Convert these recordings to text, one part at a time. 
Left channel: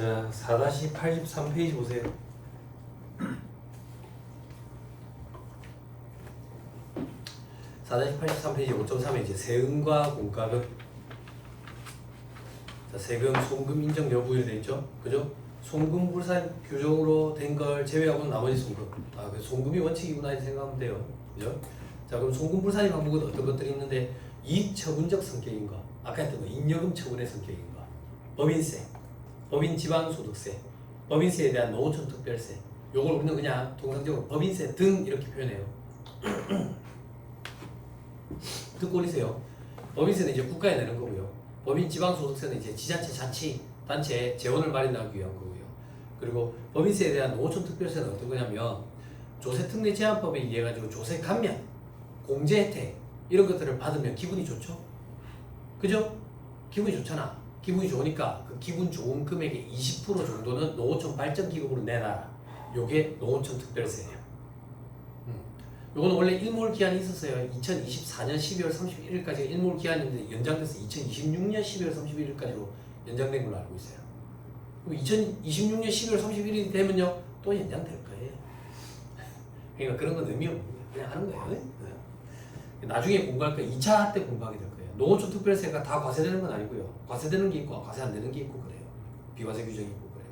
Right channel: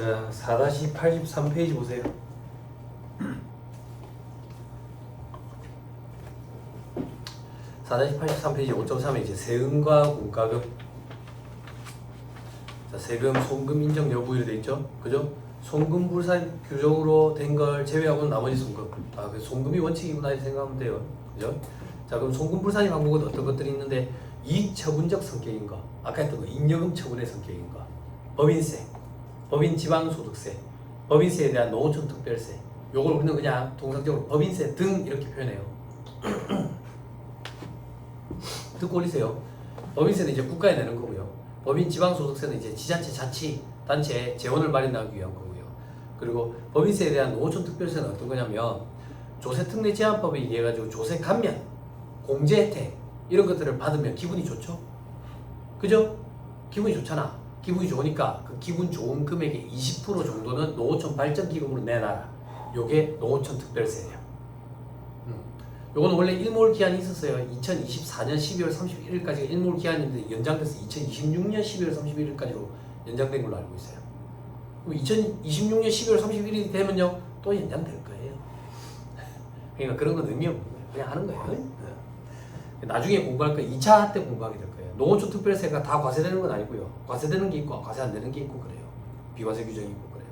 자, 4-83페이지 보세요. (4-83페이지) 5.3에 이제 세금과 공과금. 자, 세금, 송금 인정 여부에 되어 있죠. 그죠? 송금 불산 규정으로 된 걸 제외하고는 나머지 송금. 아, 그 송금이 원칙이구나 이렇게 생각하면 돼요. 그죠? 자, 그럼 송금 불산이 방법은 어떤 것들이 있는데, 이익 처분적 성격인가, 아까 했던 거 임여금 처분의 성격인가, 법인세, 법인 지방소득세, 법인세에 대한 노후촌 특별세. 요걸 우리는 그냥 통상적으로 법인세 등 이렇게 표현해요. 듣고 올리세요. 법인세는 이제 국가에 내는 거고요. 법인 지방소득세는 이제 지자체 자치단체에 재원을 마련하기 위한 거고요. 그리고 법인세에 대한 노후촌 특별세는 어떤 거냐면, 조세특례 제한법에 의해 가지고 조세 감면, 공제 혜택 이런 것들을 받으면 기분이 좋죠. 그죠? 기분이 좋잖아. 기분이 좋으니까 그 기분 좋은 금액의 20% 정도는 노후촌 발전기금으로 내놔라. 요게 노후촌 특별세예요. 요거는 원래 일몰 기한이 있었어요. 2024년 12월 31일까지 일몰 기한인데 연장돼서 2026년 12월 31일까지로 연장된 걸로 알고 있어요. 그럼 2026년 12월 31일이 되면요 또 연장될 거예요. 그러니까 그런 건 의미 없는 거예요. 그냥 하는 거예요. 네. 나중에 공부할 거 2차 할 때 공부하게 될 거예요. 노후촌 특별세가 다 과세되는 건 아니고요. 과세되는 게 있고 과세 안 되는 게 있고 그래요. 비과세 규정이 있고 그래요.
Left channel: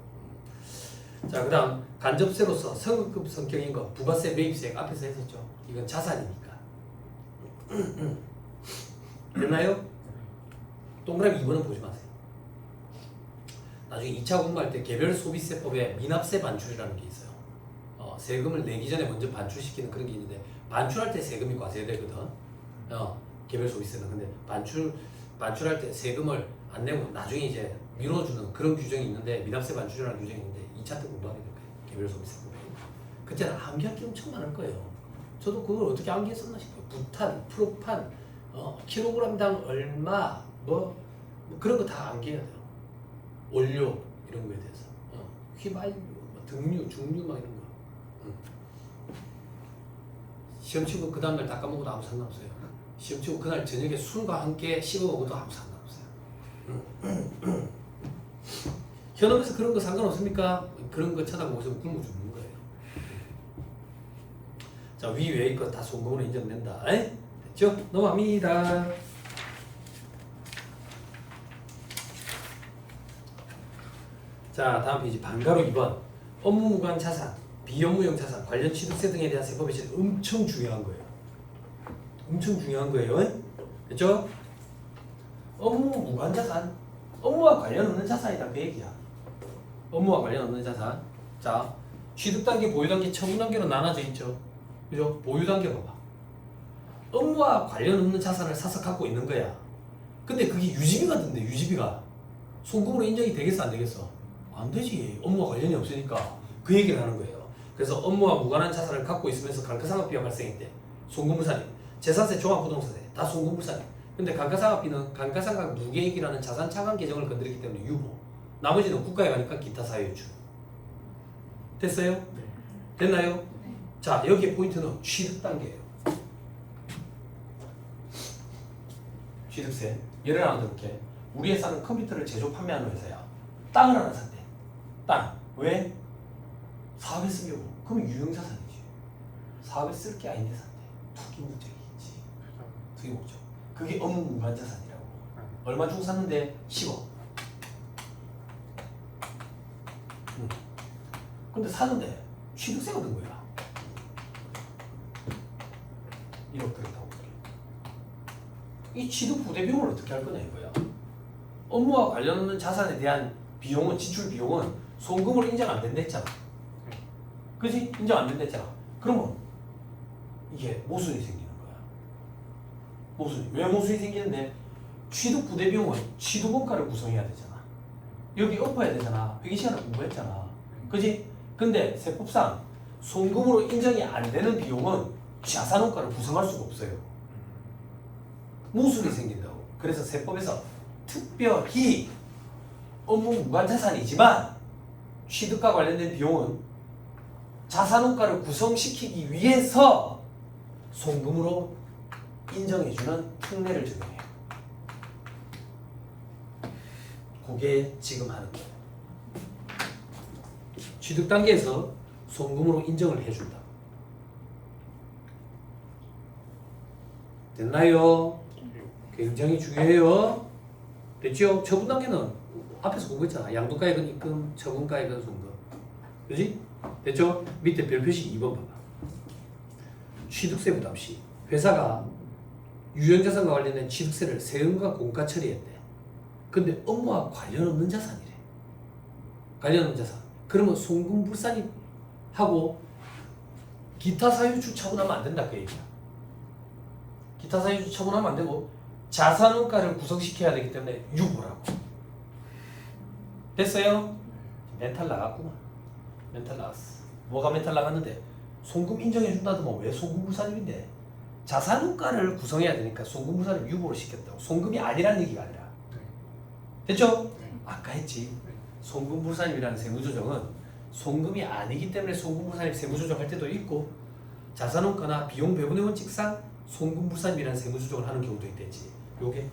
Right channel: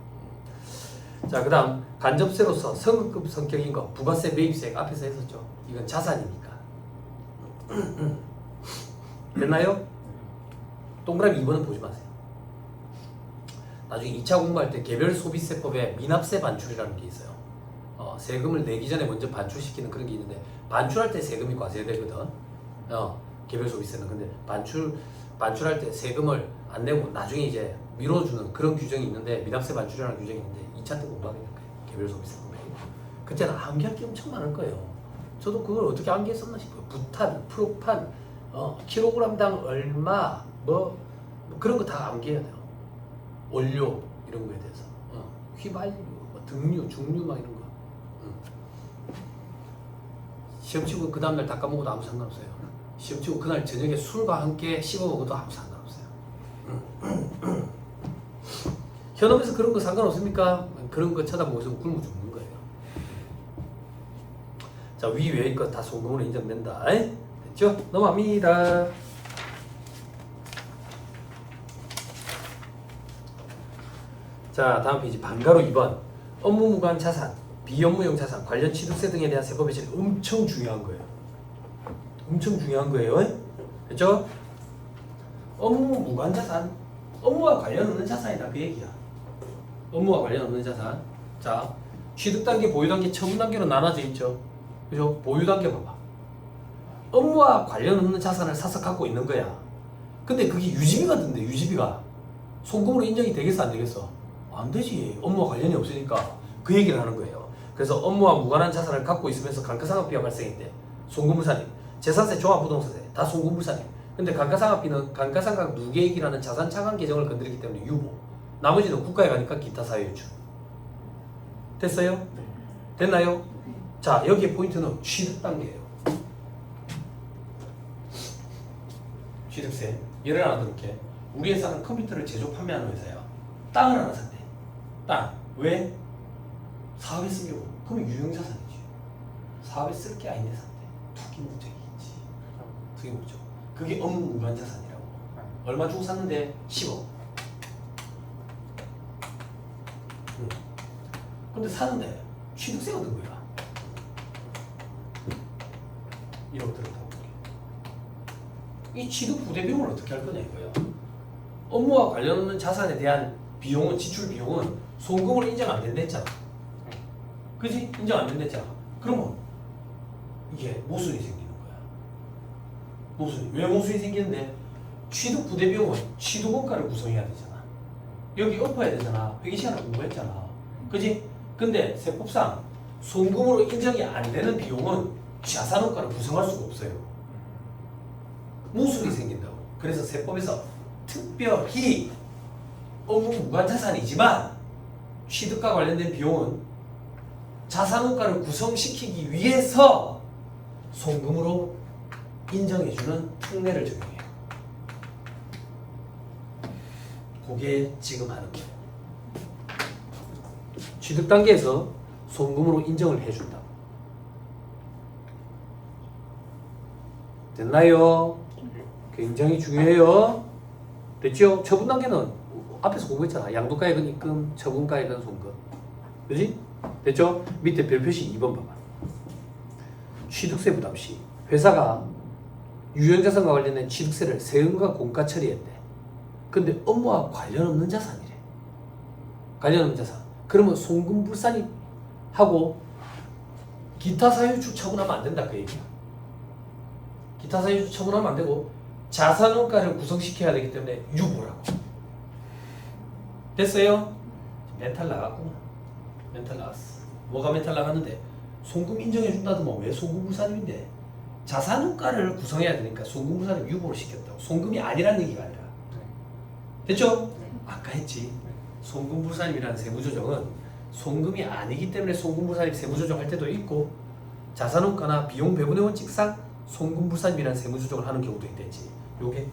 자, 그 다음 간접세로서 성급 성격인 거, 부가세, 매입세 앞에서 했었죠. 이건 자산이니까. 됐나요? 동그라미 2번은 보지 마세요. 나중에 2차 공부할 때 개별 소비세법에 미납세 반출이라는 게 있어요. 세금을 내기 전에 먼저 반출시키는 그런 게 있는데, 반출할 때 세금이 과세되거든. 개별 소비세는. 근데 반출할 때 세금을 안 내고 나중에 이제 미뤄주는 그런 규정이 있는데, 미납세 반출이라는 규정이 있는데 2차 때 공부하게 될 거예요. 개별 소비세법에. 그때는 암기할 게 엄청 많을 거예요. 저도 그걸 어떻게 암기했었나 싶어요. 부탄, 프로판, 킬로그램당 얼마, 뭐 그런 거 다 암기해야 돼요. 원료 이런 거에 대해서. 휘발유, 뭐 등류, 중류 막 이런 거. 시험 치고 그 다음날 다 까먹어도 아무 상관없어요. 시험 치고 그날 저녁에 술과 함께 씹어 먹어도 아무 상관없어요. 현업에서 그런 거 상관없습니까? 그런 거 쳐다보고서 굶어 죽는 거예요. 자, 위 외의 것 다 송금으로 인정된다. 됐죠? 넘어갑니다. 자, 다음 페이지 반가로 2번. 업무 무관 자산, 비업무용 자산, 관련 취득세 등에 대한 세법의 질 엄청 중요한 거예요. 엄청 중요한 거예요. 됐죠? 업무 무관 자산, 업무와 관련 없는 자산이다 그 얘기야. 업무와 관련 없는 자산. 자, 취득 단계, 보유 단계, 처분 단계로 나눠져 있죠. 그죠? 보유 단계 봐봐. 업무와 관련 없는 자산을 사서 갖고 있는 거야. 근데 그게 유지비가 든대. 유지비가 송금으로 인정이 되겠어 안 되겠어? 안 되지. 업무와 관련이 없으니까 그 얘기를 하는 거예요. 그래서 업무와 무관한 자산을 갖고 있으면서 감가상각비가 발생했대. 송금불산임, 재산세, 종합부동산세 다 송금불산임. 근데 감가상각비는 감가상각 무계획이라는 자산 차감 계정을 건드리기 때문에 유보. 나머지는 국가에 가니까 기타 사유유출. 됐어요? 됐나요? 자, 여기에 포인트는 취득 단계예요. 취득세. 예를 하나 들게. 우리 회사는 컴퓨터를 제조 판매하는 회사야. 땅을 하나 샀대. 땅. 왜? 사업에 쓰려고. 그러면 유형자산이지. 사업에 쓸 게 아닌데 샀대. 투기 목적이겠지. 투기 목적. 그게 업무 무관 자산이라고. 얼마 주고 샀는데 10억. 근데 사는데 취득세가 든 거야. 1억 들었다고. 이 취득 부대 비용을 어떻게 할 거냐 이거야. 업무와 관련 없는 자산에 대한 비용은, 지출 비용은 송금으로 인정 안 된다 했잖아. 그지? 인정 안 된다 했잖아. 그러면 이게 모순이 생기는 거야. 모순이. 왜 모순이 생기는데? 취득 부대 비용은 취득 원가를 구성해야 되잖아. 여기 엎어야 되잖아. 회계 시간을 공부했잖아. 그지? 근데 세법상 송금으로 인정이 안 되는 비용은 자산원가를 구성할 수가 없어요. 모순이 생긴다고. 그래서 세법에서 특별히 업무 무관 자산이지만 취득과 관련된 비용은 자산원가를 구성시키기 위해서 송금으로 인정해주는 특례를 적용해요. 그게 지금 하는 거예요. 취득 단계에서 송금으로 인정을 해준다. 됐나요? 굉장히 중요해요. 됐죠? 처분 단계는 앞에서 공부했잖아. 양도가액은 입금, 처분가액은 송금. 그지? 됐죠? 밑에 별표시 2번 봐봐. 취득세 부담 시 회사가 유형자산과 관련된 취득세를 세금과 공가 처리했대. 근데 업무와 관련 없는 자산이래. 관련 없는 자산. 그러면 송금불산이 하고 기타 사유축 처분하면 안 된다 그 얘기야. 기타 사유축 처분하면 안 되고 자산원가를 구성시켜야 되기 때문에 유보라고. 됐어요? 멘탈 나갔구만. 멘탈 나갔어. 뭐가 멘탈 나갔는데 송금 인정해준다더만 왜 송금불산임인데 자산원가를 구성해야 되니까 송금불산을 유보를 시켰다고. 송금이 아니라는 얘기가 아니라. 됐죠? 아까 했지. 송금불산임이라는 세무조정은 송금이 아니기 때문에 송금불산임 세무조정할 때도 있고 자산원가나 비용 배분의 원칙상 송금불산임이라는 세무조정을 하는 경우도 있대지. 요게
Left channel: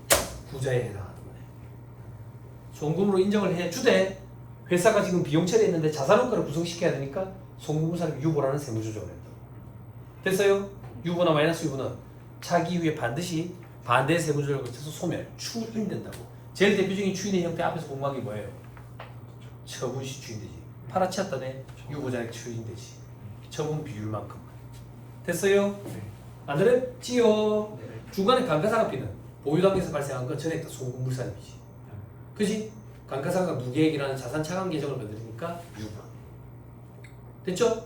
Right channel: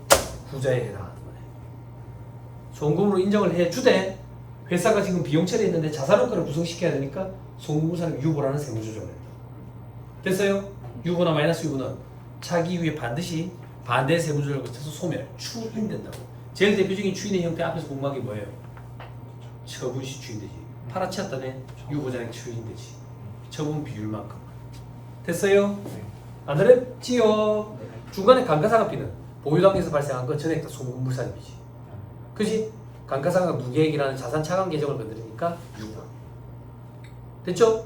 후자에 해당하는 거네. 송금으로 인정을 해주되 회사가 지금 비용 처리했는데 자산원가를 구성시켜야 되니까 송금불산임 유보라는 세무조정을 했다. 됐어요? 유보나 마이너스 유보는 차기 이후에 반드시 반대 세무조정을 거쳐서 소멸, 추인된다고. 제일 대표적인 추인의 형태 앞에서 공부한 게 뭐예요? 처분시 추인되지. 팔아치웠다네 유보자액 추인되지. 처분 비율만큼. 됐어요? 안 그랬지요? 중간에 감가상각비는 보유 단계에서 발생한 건 전액 다 송금불산임이지. 그지? 감가상각 무계획이라는 자산 차감 계정을 건드리니까 유보. 됐죠?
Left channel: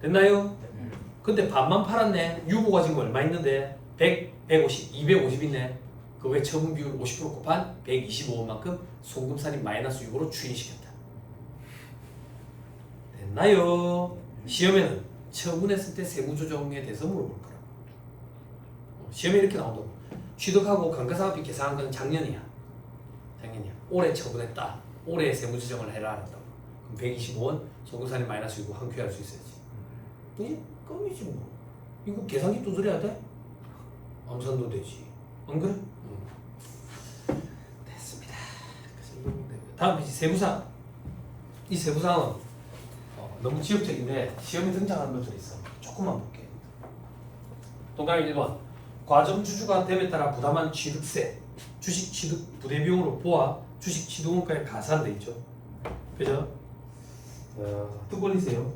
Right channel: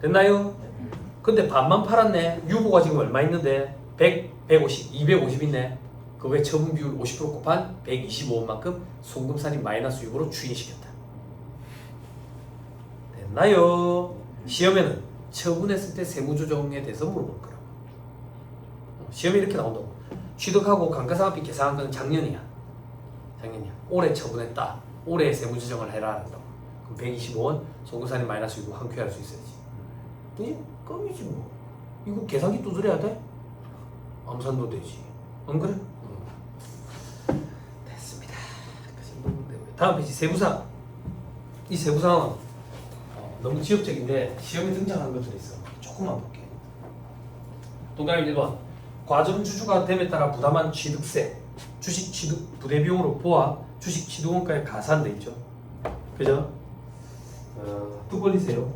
됐나요? 근데 반만 팔았네. 유보가 지금 얼마 있는데 100, 150, 250 있네. 그거에 처분 비율 50% 곱한 125원만큼 송금산임 마이너스 유보로 추인시켰다. 됐나요? 시험에는 처분했을 때 세무조정에 대해서 물어볼 거야. 시험에 이렇게 나온다고. 취득하고 감가상각비 계산한 건 작년이야. 작년이야. 올해 처분했다. 올해 세무조정을 해라 한다고. 그럼 125원 송금산임 마이너스 유보 한 큐 할 수 있어야지. 껌이지 뭐. 이거 계산기 두드려야 돼? 암산도 되지. 안 그래? 됐습니다. 다음 페이지 세부사항. 이 세부사항은 너무 지역적인데 시험에 등장하는 것들이 있어. 조금만 볼게. 동그라미 1번. 과점주주가 됨에 따라 부담한 취득세, 주식 취득 부대비용으로 보아 주식 취득원가에 가산돼 있죠. 그죠? 또 걸리세요.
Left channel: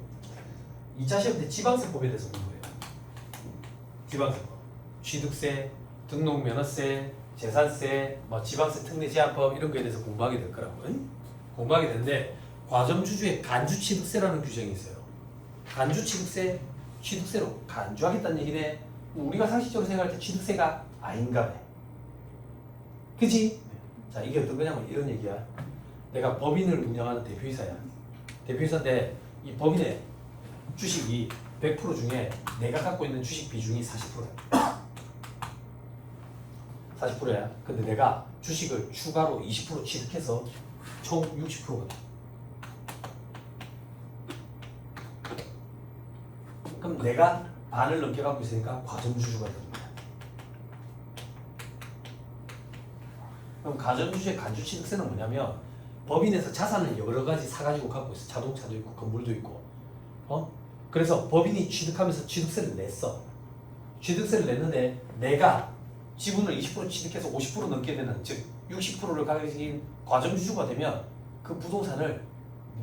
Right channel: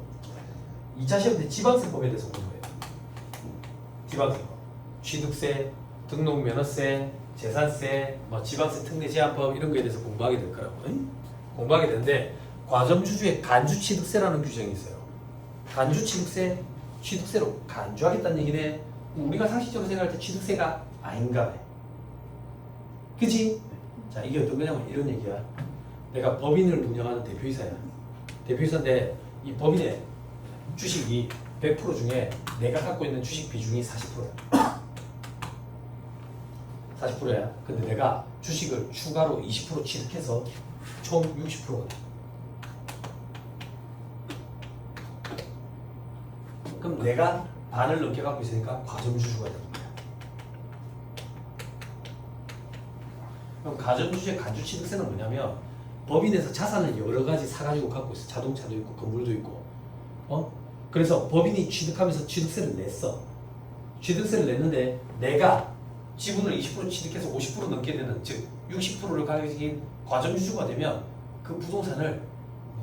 2차 시험 때 지방세법에 대해서 공부해요. 지방세법. 취득세, 등록면허세, 재산세, 뭐 지방세 특례 제한법 이런 거에 대해서 공부하게 될 거라고. 응? 공부하게 되는데 과점주주의 간주취득세라는 규정이 있어요. 간주취득세, 취득세로 간주하겠다는 얘기네. 우리가 상식적으로 생각할 때 취득세가 아닌가 봐. 그치? 자, 이게 어떤 거냐면 이런 얘기야. 내가 법인을 운영하는 대표이사야. 대표이사인데 이 법인의 주식이 100% 중에 내가 갖고 있는 주식 비중이 40%야. 40%야. 근데 내가 주식을 추가로 20% 취득해서 총 60%가 돼. 그럼 내가 반을 넘게 갖고 있으니까 과점주주가 되는 거야. 그럼 과점주주의 간주취득세는 뭐냐면 법인에서 자산을 여러 가지 사가지고 갖고 있어. 자동차도 있고 건물도 있고. 그래서 법인이 취득하면서 취득세를 냈어. 취득세를 냈는데 내가 지분을 20% 취득해서 50% 넘게 되는, 즉 60%를 가진 과점주주가 되면 그 부동산을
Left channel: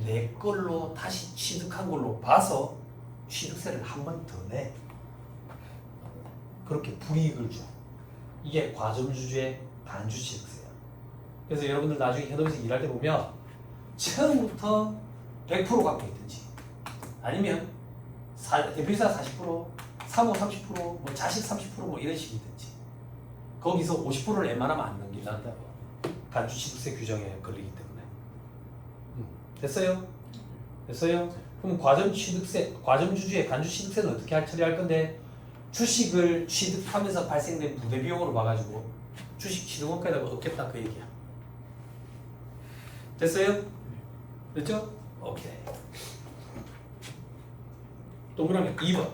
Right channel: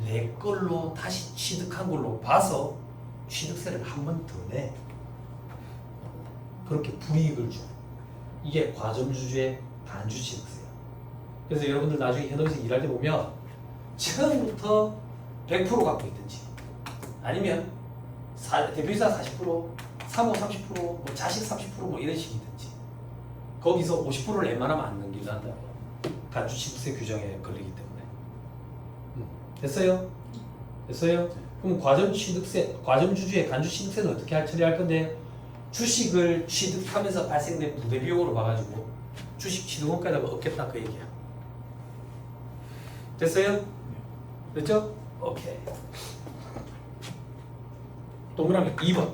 내 걸로 다시 취득한 걸로 봐서 취득세를 한 번 더 내. 그렇게 불이익을 줘. 이게 과점주주의 간주취득세야. 그래서 여러분들 나중에 현업에서 일할 때 보면 처음부터 100% 갖고 있든지 아니면 대표이사 40%, 사모 30%, 뭐 자식 30%뭐 이런 식이든지 거기서 50%를 웬만하면 안 넘긴다 한다고. 간주취득세 규정에 걸리기 때문에. 됐어요? 됐어요? 그럼 과점주주의 간주취득세는 어떻게 처리할 건데 주식을 취득하면서 발생된 부대비용으로 봐가지고 주식 취득원가에다가 얻겠다 그 얘기야. 됐어요? 됐죠? 오케이. 동그라미 2번.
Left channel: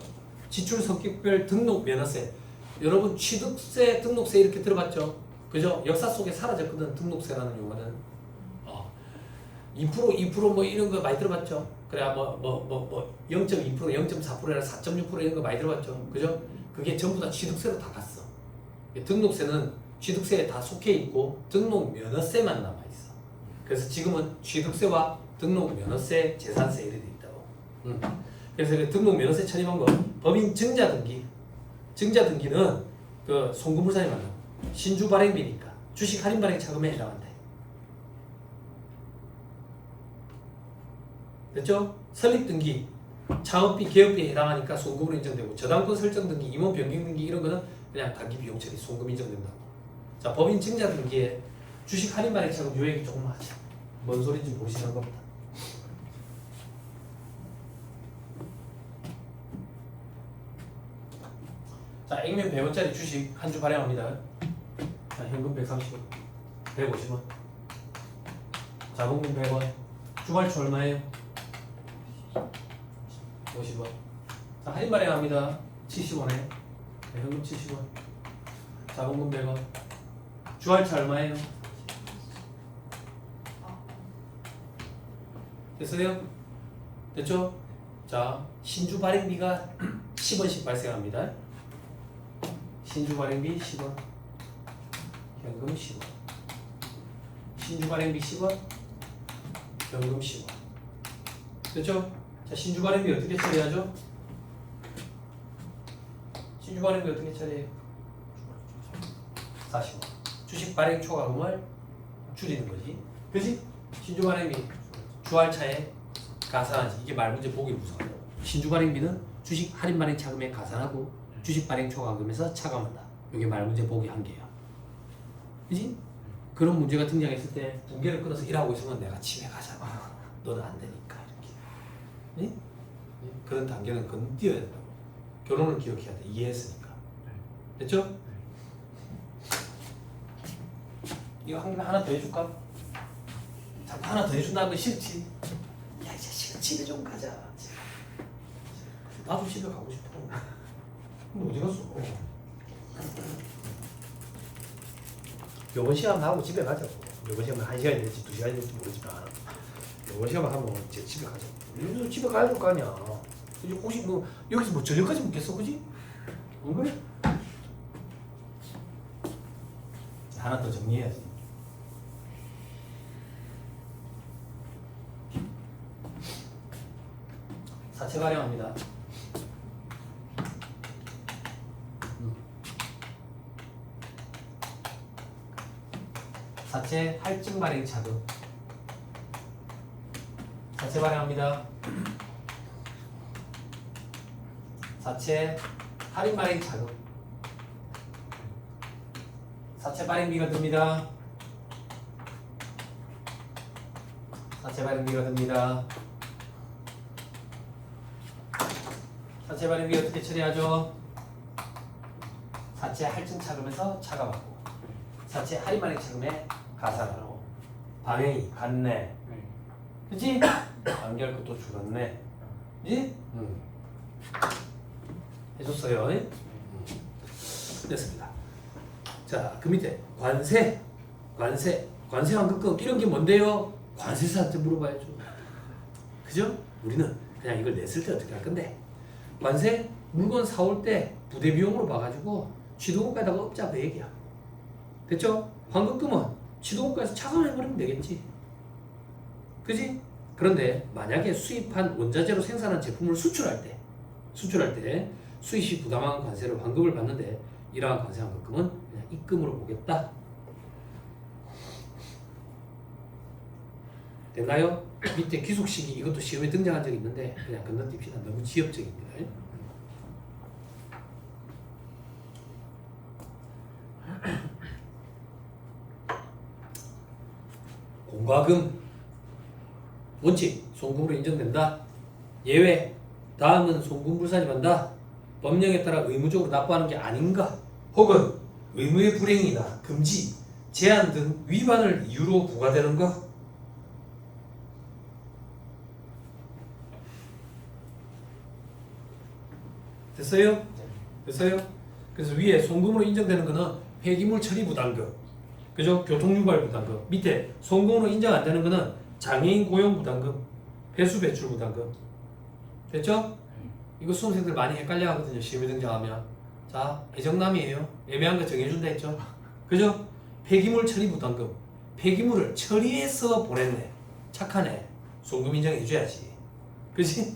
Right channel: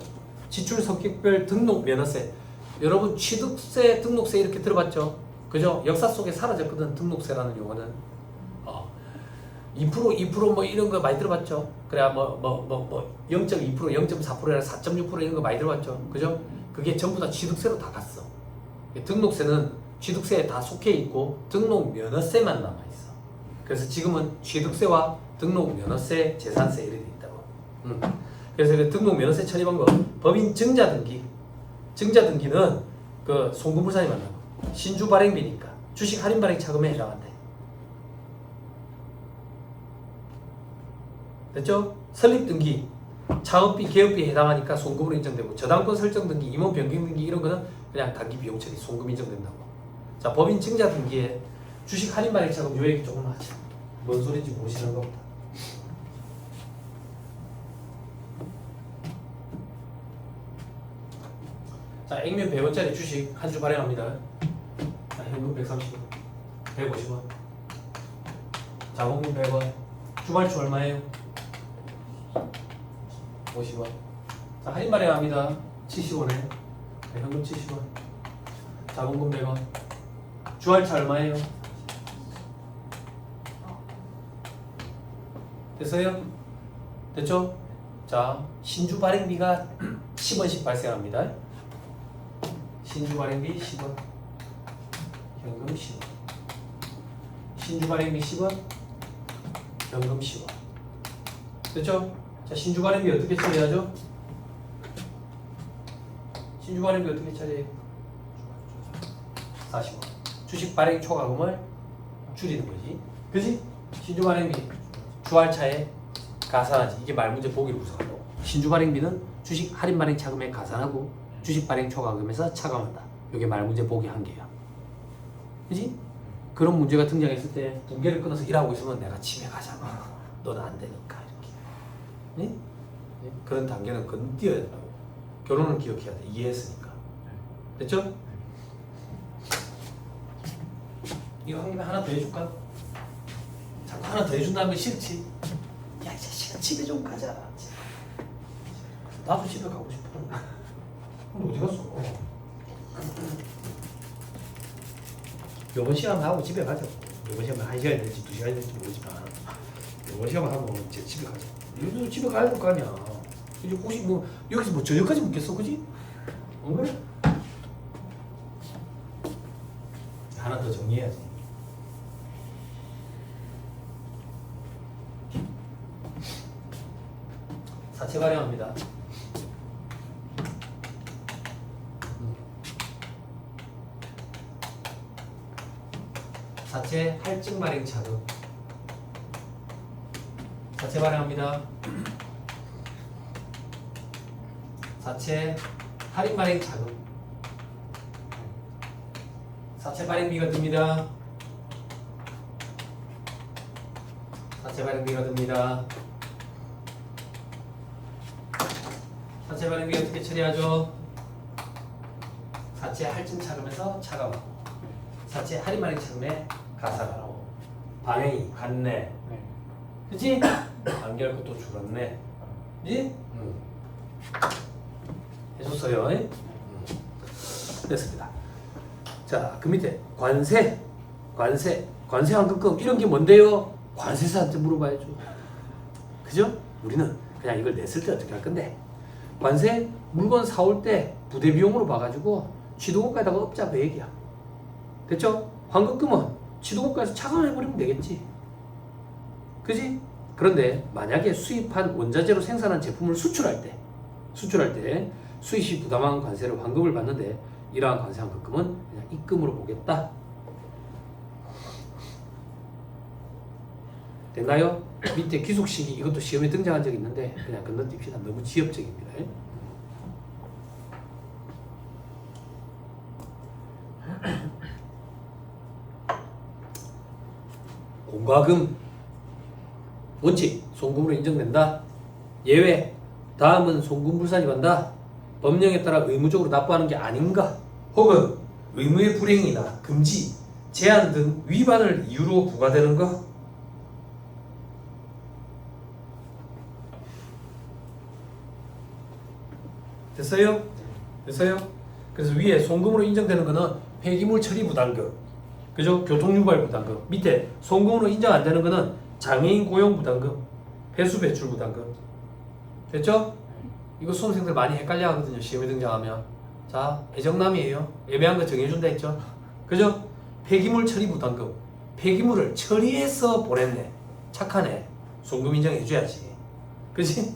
지출 성격별 등록 면허세. 여러분 취득세, 등록세 이렇게 들어봤죠? 그죠? 역사 속에 사라졌거든 등록세라는 용어는. 2% 이런 거 많이 들어봤죠? 그래야 0.2%, 0.4%나 4.6% 이런 거 많이 들어봤죠? 그죠? 그게 전부 다 취득세로 다 갔어. 등록세는 취득세에 다 속해 있고 등록 면허세만 남아 있어. 그래서 지금은 취득세와 등록 면허세, 재산세 이렇게 있다고. 그래서 그 등록 면허세 처리 방법, 법인 증자 등기. 증자 등기는 그 송금부산이 만나고 신주 발행비니까 주식 할인 발행 차금에 해당한대. 됐죠? 설립 등기, 창업비, 개업비에 해당하니까 송금으로 인정되고, 저당권 설정 등기, 임원 변경 등기 이런 거는 그냥 단기 비용 처리, 송금 인정된다고. 자, 법인 증자 등기에 주식 할인 발행 차금 요 얘기 조금 하자. 뭔 소리인지 모르시는 겁니다. 자, 액면 100원짜리 주식 한 주 발행합니다. 자, 현금 130원, 150원, 자본금 100원, 주말주 얼마예요? 50원. 자, 할인 발행합니다. 70원에 현금 70원, 자본금 100원, 주할차 얼마예요? 됐어요? 됐죠? 자, 신주 발행비가 10원씩 발생합니다. 신주 발행비 10원, 현금 10원. 신주 발행비 10원, 현금 10원. 됐죠? 자, 신주 발행비 어떻게 처리하죠? 신주 발행비 어떻게 처리해요? 40원. 주식 발행 초과금을 줄이는 거지. 그지? 신주 발행비 주할차에 가산하지. 이게 말문제 보기 구성. 신주 발행비는 주식 할인 발행 차금에 가산하고 주식 발행 초과금에서 차감한다. 이게 말문제 보기 한 개야. 그지? 그런 문제가 등장했을 때 붕괴를 끊어서 일하고 있으면 내가 집에 가잖아. 너는 안 되니까 이렇게. 예? 그런 단계는 건띄어야 된다고. 결혼은 기억해야 돼. 이해했으니까. 됐죠? 이거 한 개만 하나 더 해줄까? 자꾸 하나 더 해준다면 싫지? 야, 이 자식아 집에 좀 가자. 나도 집에 가고 싶어. 근데 어디 갔어? 요번 시험 하고 집에 가자고. 요번 시험은 1시간이 될지 2시간이 될지 모르지만 요번 시험 하고 이제 집에 가자. 요즘 집에 가야 될 거 아니야. 이제 혹시 뭐 여기서 뭐 저녁까지 먹겠어, 그지? 안 그래? 하나 더 정리해야지. 사채 발행합니다. 사채 할증 발행 차금. 사채 발행합니다. 사채 할인 발행 차금. 사채 발행비가 듭니다. 사채 발행비가 듭니다. 사채 발행비 어떻게 처리하죠? 사채 할증 차금에서 차감하고 사채 할인 발행 차금에 가산하고 방행이 같네. 그치? 안결 것도 줄었네. 그치? 해줬어요. 됐습니다. 자, 그 밑에 관세 환급금 이런 게 뭔데요? 관세사한테 물어봐야죠. 그죠? 우리는 그냥 이걸 냈을 때 어떻게 할 건데, 관세 물건 사올 때 부대 비용으로 봐가지고 취득원가에다가 업자 그 얘기야. 됐죠? 환급금은 취득원가에서 차감해버리면 되겠지. 그지? 그런데 만약에 수입한 원자재로 생산한 제품을 수출할 때 수입 시 부담한 관세를 환급을 받는데, 이러한 관세 환급금은 그냥 입금으로 보겠다. 됐나요? 밑에 귀속시기 이것도 시험에 등장한 적이 있는데 그냥 건너뛰시다. 너무 지엽적입니다. 공과금 원칙 송금으로 인정된다. 예외 다음은 송금불산이 간다. 법령에 따라 의무적으로 납부하는 게 아닌가, 혹은 의무의 불행이나 금지, 제한 등 위반을 이유로 부과되는가? 됐어요? 됐어요? 그래서 위에 송금으로 인정되는 거는 폐기물 처리 부담금, 그죠? 교통유발 부담금. 밑에 송금으로 인정 안 되는 거는 장애인 고용 부담금, 배수 배출 부담금. 됐죠? 이거 수험생들 많이 헷갈려 하거든요. 시험에 등장하면. 자, 애정남이에요. 애매한 거 정해준다 했죠? 그죠? 폐기물 처리 부담금. 폐기물을 처리해서 보냈네. 착하네. 송금 인정해줘야지. 그지?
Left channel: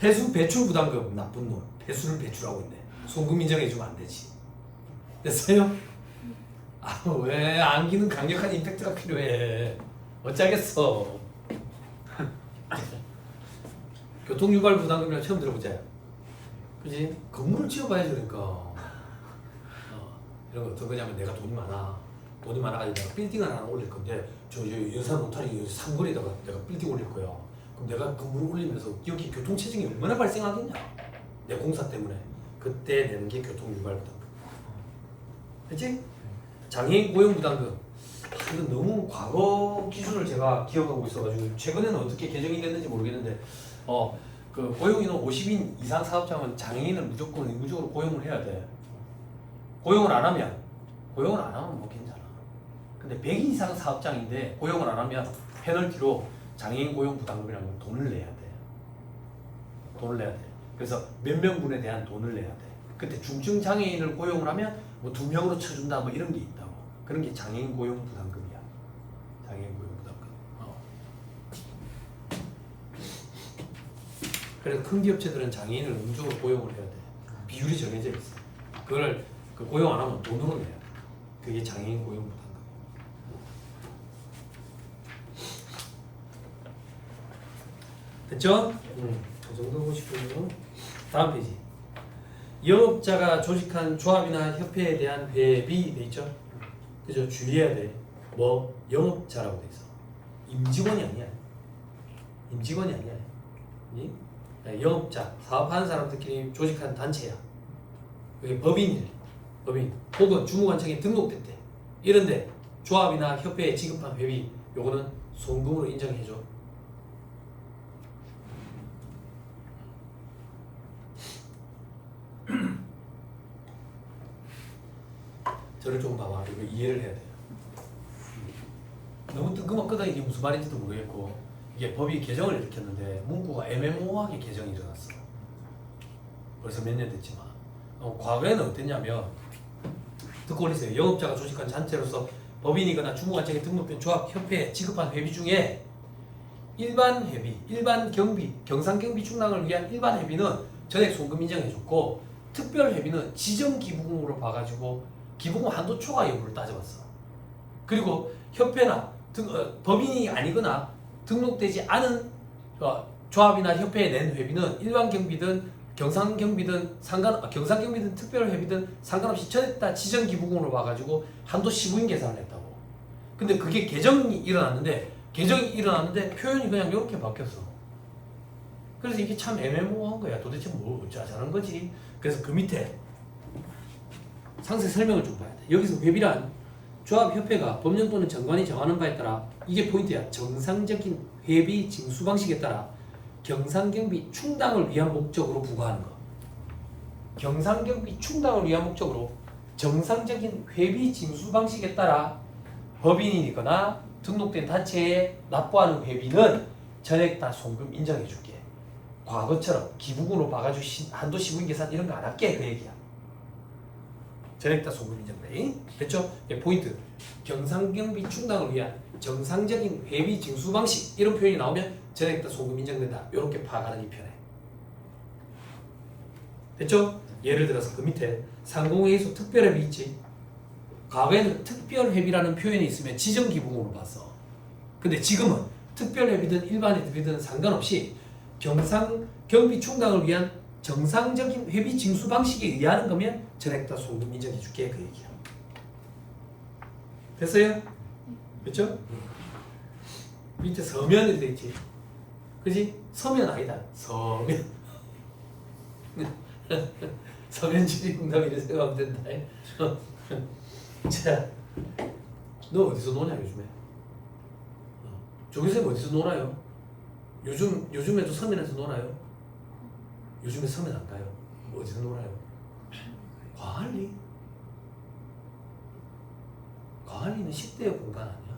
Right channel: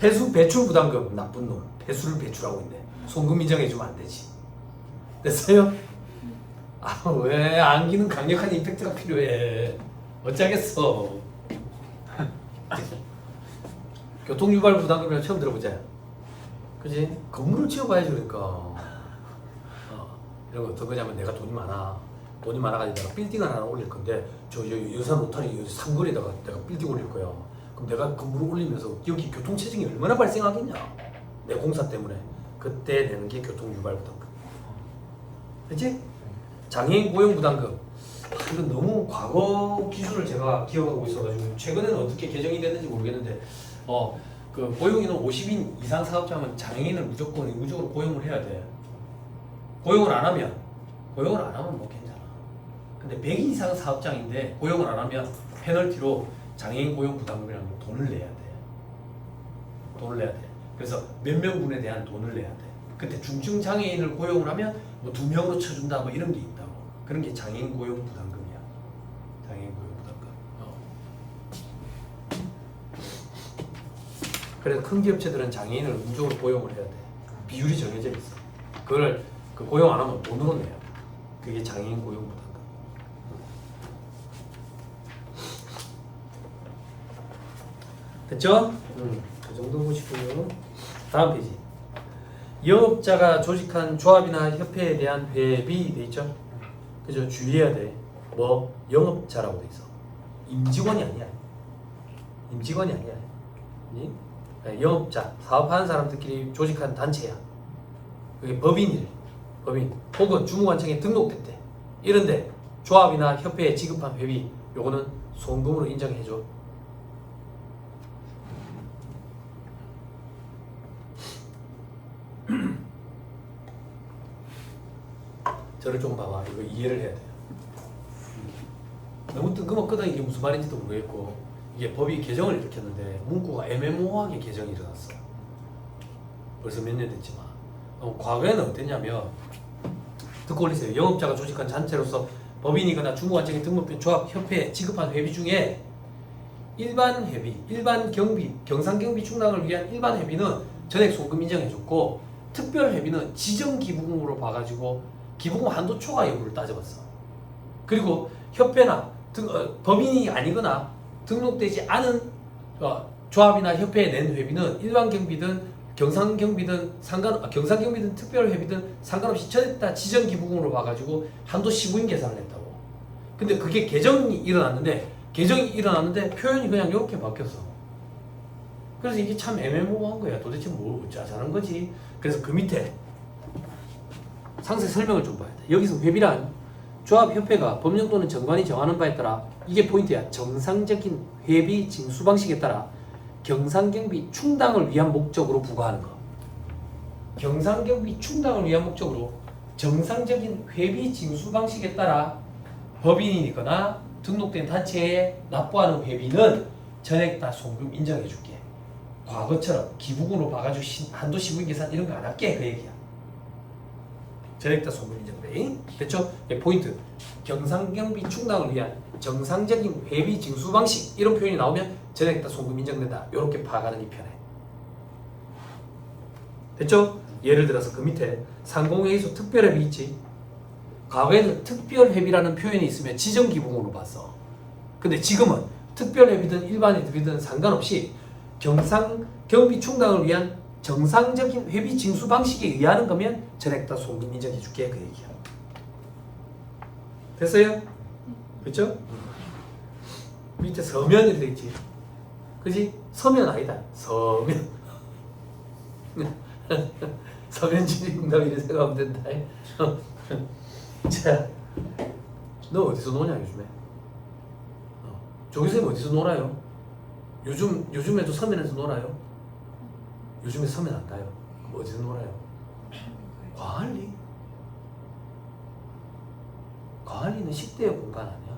폐수 배출 부담금. 나쁜 놈. 폐수를 배출하고 있네. 송금 인정해주면 안 되지. 됐어요? 아, 왜 안기는 강력한 임팩트가 필요해. 어쩌겠어. 교통유발 부담금이랑 처음 들어보자. 그지? 건물을 지어봐야지 그러니까. 이런 거 어떤 거냐면 내가 돈이 많아가지고 내가 빌딩을 하나 올릴 건데 저 여산 노타리 상거리에다가 내가 빌딩 올릴 거야. 그럼 내가 건물을 올리면서 여기 교통체증이 얼마나 발생하겠냐? 내 공사 때문에. 그때 내는 게 교통유발 부담금. 그치? 장애인 고용 부담금. 이건 너무 과거 기준을 제가 기억하고 있어가지고 최근에는 어떻게 개정이 됐는지 모르겠는데 그 고용인원 50인 이상 사업장은 장애인을 무조건 의무적으로 고용을 해야 돼. 고용을 안 하면 뭐 괜찮아. 근데 100인 이상 사업장인데 고용을 안 하면 페널티로 장애인 고용 부담금이라는 돈을 내야 돼. 그래서 몇 명분에 대한 돈을 내야 돼. 그때 중증 장애인을 고용을 하면 뭐 2명으로 쳐준다 뭐 이런 게 있다고. 그런 게 장애인 고용 부담금이야. 장애인 고용 부담금. 그래서 큰 기업체들은 장애인을 의무적으로 고용을 해야 돼. 비율이 정해져 있어. 그걸 고용 안 하면 돈으로 내야 돼. 그게 장애인 고용 부담금. 됐죠? 그 정도 보시고요. 다음 페이지. 영업자가 조직한 조합이나 협회에 대한 회비 돼 있죠? 그죠? 주의해야 돼. 뭐 영업자라고 돼 있어. 임직원이 아니야. 영업자, 사업하는 사람들끼리 조직한 단체야. 그게 법인 혹은 주무관청에 등록됐대. 이런데 조합이나 협회에 지급한 회비 요거는 송금으로 인정해줘. 저를 조금 봐봐. 이거 이해를 해야 돼. 너무 뜬금없거든. 이게 무슨 말인지도 모르겠고 이게 법이 개정을 일으켰는데 문구가 애매모호하게 개정이 일어났어. 벌써 몇 년 됐지만 과거에는 어땠냐면 듣고 올리세요. 영업자가 조직한 단체로서 법인이거나 주무관청에 등록된 조합, 협회에 지급한 회비 중에 일반 회비, 일반 경비, 경상경비 충당을 위한 일반 회비는 전액 송금 인정해줬고 특별 회비는 지정 기부금으로 봐가지고 기부금 한도 초과 여부를 따져봤어. 그리고 협회나 법인이 아니거나 등록되지 않은 조합이나 협회에 낸 회비는 일반 경비든 경상경비든 특별회비든 상관없이 전액 다 지정 기부금으로 봐가지고 한도 15인 계산을 했다고. 근데 그게 개정이 일어났는데 표현이 그냥 이렇게 바뀌었어. 그래서 이게 참 애매모호한 거야. 도대체 뭐 어쩌자는 거지. 그래서 그 밑에 상세 설명을 좀 봐야 돼. 여기서 회비란 조합협회가 법령 또는 정관이 정하는 바에 따라 이게 포인트야. 정상적인 회비 징수 방식에 따라 경상경비 충당을 위한 목적으로 부과하는 거. 경상경비 충당을 위한 목적으로 정상적인 회비 징수 방식에 따라 법인이거나 등록된 단체에 납부하는 회비는 전액 다 송금 인정해 줄게. 과거처럼 기부금으로 봐가지고 한도 15인 계산 이런 거 안 할게. 그 얘기야. 전액 다 송금 인정돼. 됐죠? 포인트. 경상경비 충당을 위한 정상적인 회비 징수 방식 이런 표현이 나오면 전액 다 송금 인정된다. 이렇게 파악하는 이 편에. 됐죠? 예를 들어서 그 밑에 상공회의소 특별회비 있지. 과거에는 특별회비라는 표현이 있으면 지정기부금으로 봤어. 근데 지금은 특별회비든 일반회비든 상관없이 경상경비 충당을 위한 정상적인 회비 징수 방식에 의하는 거면 전액 다 송금 인정해 줄게. 그 얘기야. 됐어요? 그렇죠? 밑에 서면 이렇게 있지. 그지? 서면 아니다. 서면. 서면 주민공답이라 생각하면 된다. 자, 너 어디서 노냐 요즘에? 조기쌤 어디서 놀아요? 요즘에도 서면에서 놀아요? 요즘에 서면 안 가요? 그럼 어디서 놀아요? 광안리? 광안리는 10대의 공간 아니야?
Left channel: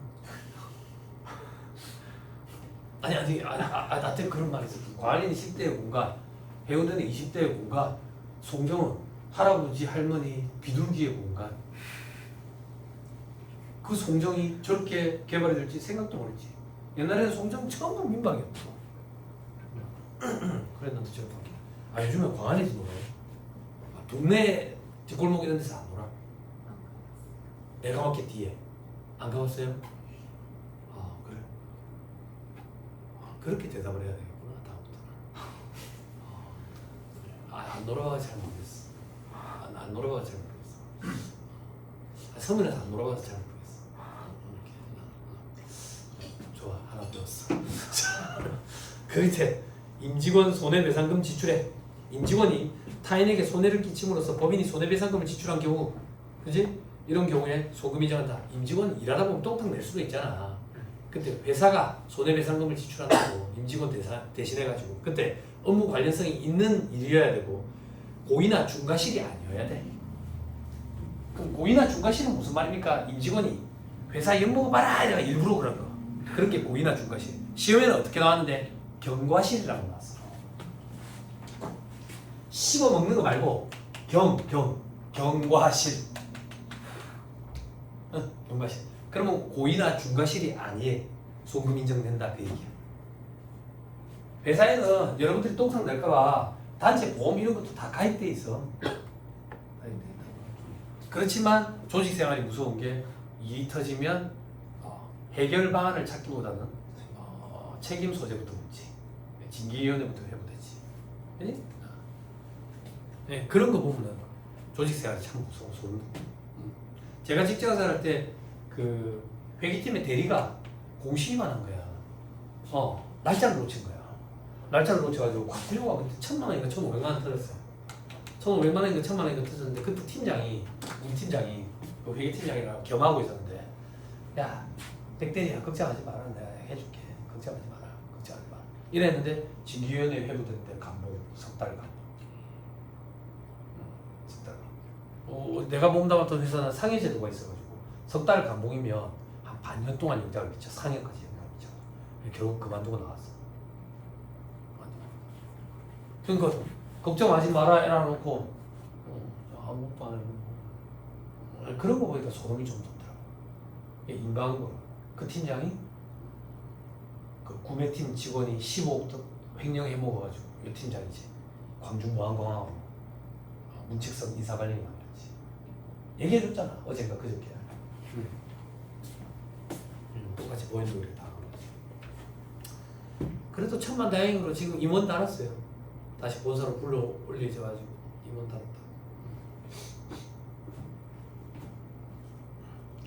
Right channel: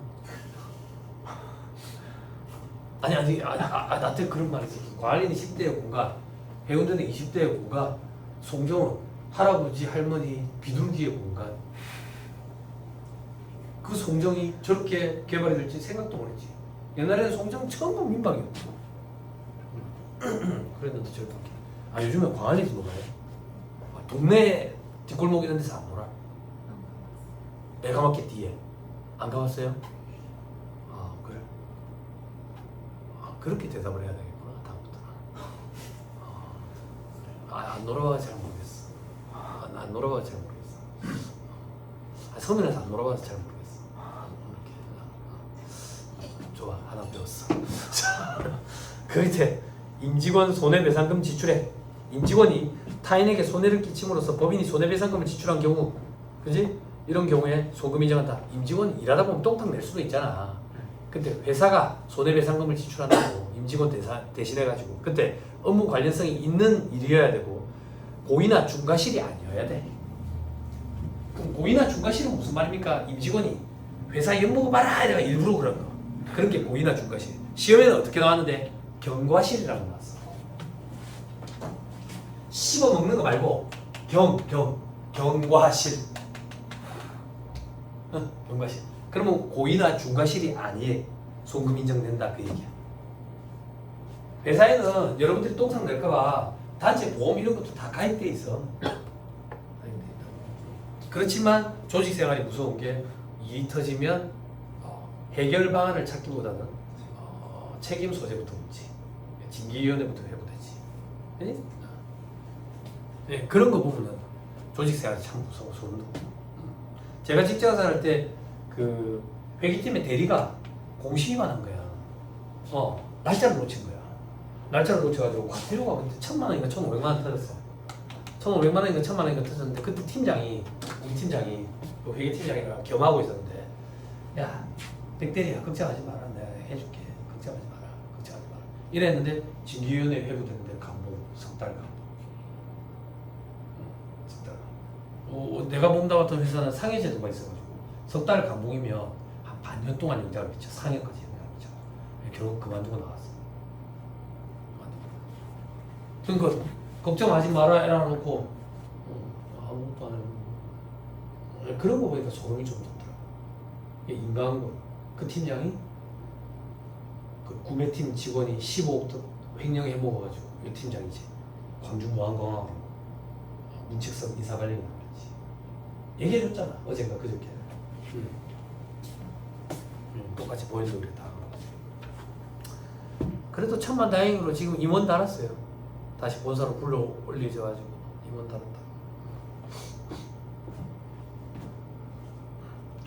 나한테 그런 말이 있어. 광안리는 10대의 공간, 해운대는 20대의 공간, 송정은 할아버지 할머니 비둘기의 공간. 그 송정이 저렇게 개발이 될지 생각도 못했지. 옛날에는 송정 전부 민박이었고. 그랬는데 저렇게 바뀌네. 요즘에 광안리에서 놀아요. 동네 뒷골목 이런 데서 안 놀아. 내가마켓 뒤에 안 가봤어요? 그래. 그렇게 대답을 해야 되겠구나 다음부터는. 안 놀아봐서 잘 모르겠어. 안 놀아봐서 잘 모르겠어. 서면에서 안 놀아봐서 잘 모르겠어. 좋아, 하나 배웠어. 그 밑에 임직원 손해배상금 지출에 임직원이 타인에게 손해를 끼침으로써 법인이 손해배상금을 지출한 경우, 그지? 이런 경우에 소금이 정한다. 임직원 일하다 보면 똥탕 낼 수도 있잖아. 근데 회사가 손해배상금을 지출한다고 임직원 대신해가지고 그때 업무 관련성이 있는 일이어야 되고 고의나 중과실이 아니어야 돼. 그럼 고의나 중과실은 무슨 말입니까? 임직원이 회사 연봉을 봐라 이래가 일부러 그런 거. 그런 게 고의나 중과실. 시험에는 어떻게 나왔는데 경과실이라고 나왔어. 씹어 먹는 거 말고 경과실. 경과실. 그러면 고의나 중과실이 아니에 송금 인정된다 그 얘기야. 회사에는 여러분들이 똥상 낼까봐 단체 보험 이런 것도 다 가입돼 있어. 그렇지만 조직 생활이 무서운 게 일이 터지면 해결 방안을 찾기보다는 책임 소재부터 묻지. 징계위원회부터 해보되지. 네, 그런 거 보면 조직 생활이 참 무서워. 소름 돋고. 제가 직장 생활할 때 그 회계팀의 대리가 공시기만 한 거야. 날짜를 놓친 거야. 날짜를 놓쳐가지고 과태료가 그때 1,000만 원인가 1,500만 원 터졌어. 1,500만 원인가 1,000만 원인가 터졌는데 그때 팀장이 우리 팀장이 그 회계팀장이랑 겸하고 있었는데 야 백대리야 걱정하지 마라 내가 해줄게 걱정하지 마라 이랬는데 징계위원회 회부됐는데 감봉 석 달 감봉. 석 달. 내가 몸담았던 회사는 상해 제도가 있어가지고 석 달 감봉이면 한 반년 동안 영장을 미쳐 상해까지 영장을 미쳐. 결국 그만두고 나왔어. 그러니까 걱정하지 마라 이래놓고 아무것도 안 해보고 그런 거 보니까 소름이 좀 돋더라고. 인간한 거. 그 팀장이 그 구매팀 직원이 15억 횡령해 먹어가지고 이 팀장이지 광주무안공항 문책성 인사발령이 나왔지. 얘기해줬잖아 어젠가 그저께. 똑같이 보이는 우리 다. 그래도 천만다행으로 지금 임원 달았어요. 다시 본사로 불러 올리져가지고 임원 달았다.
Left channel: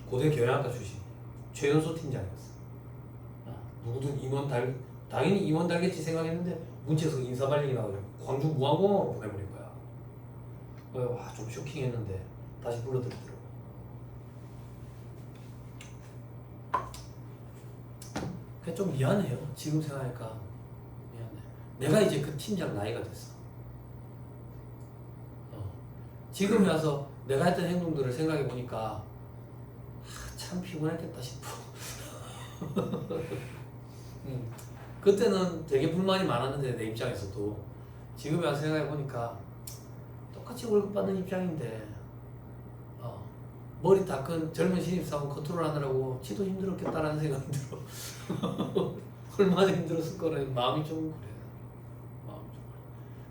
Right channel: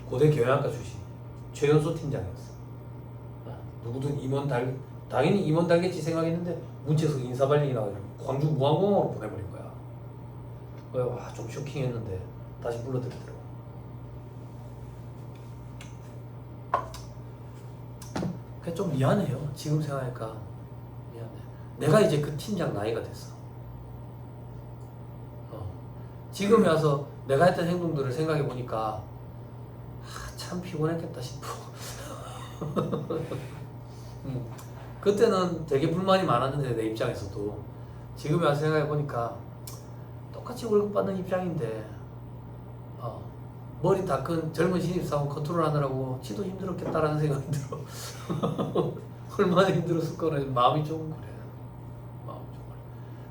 고대 교양학과 출신 최연소 팀장이었어. 누구든 임원 당연히 임원 달겠지 생각했는데 문체성 인사발령이 나오고 광주 무항공항으로 보내버린 거야. 와, 좀 쇼킹했는데 다시 불러들더라고. 그게 좀 미안해요. 지금 생각하니까 미안해. 내가 이제 그 팀장 나이가 됐어. 지금 와서 내가 했던 행동들을 생각해 보니까 참 피곤했겠다 싶어. 그때는 되게 불만이 많았는데 내 입장에서도 지금 와서 생각해 보니까 똑같이 월급 받는 입장인데 머리 닦은 젊은 신입사원 컨트롤하느라고 지도 힘들었겠다라는 생각이 들어. 얼마나 힘들었을 거라 마음이 좀 그래.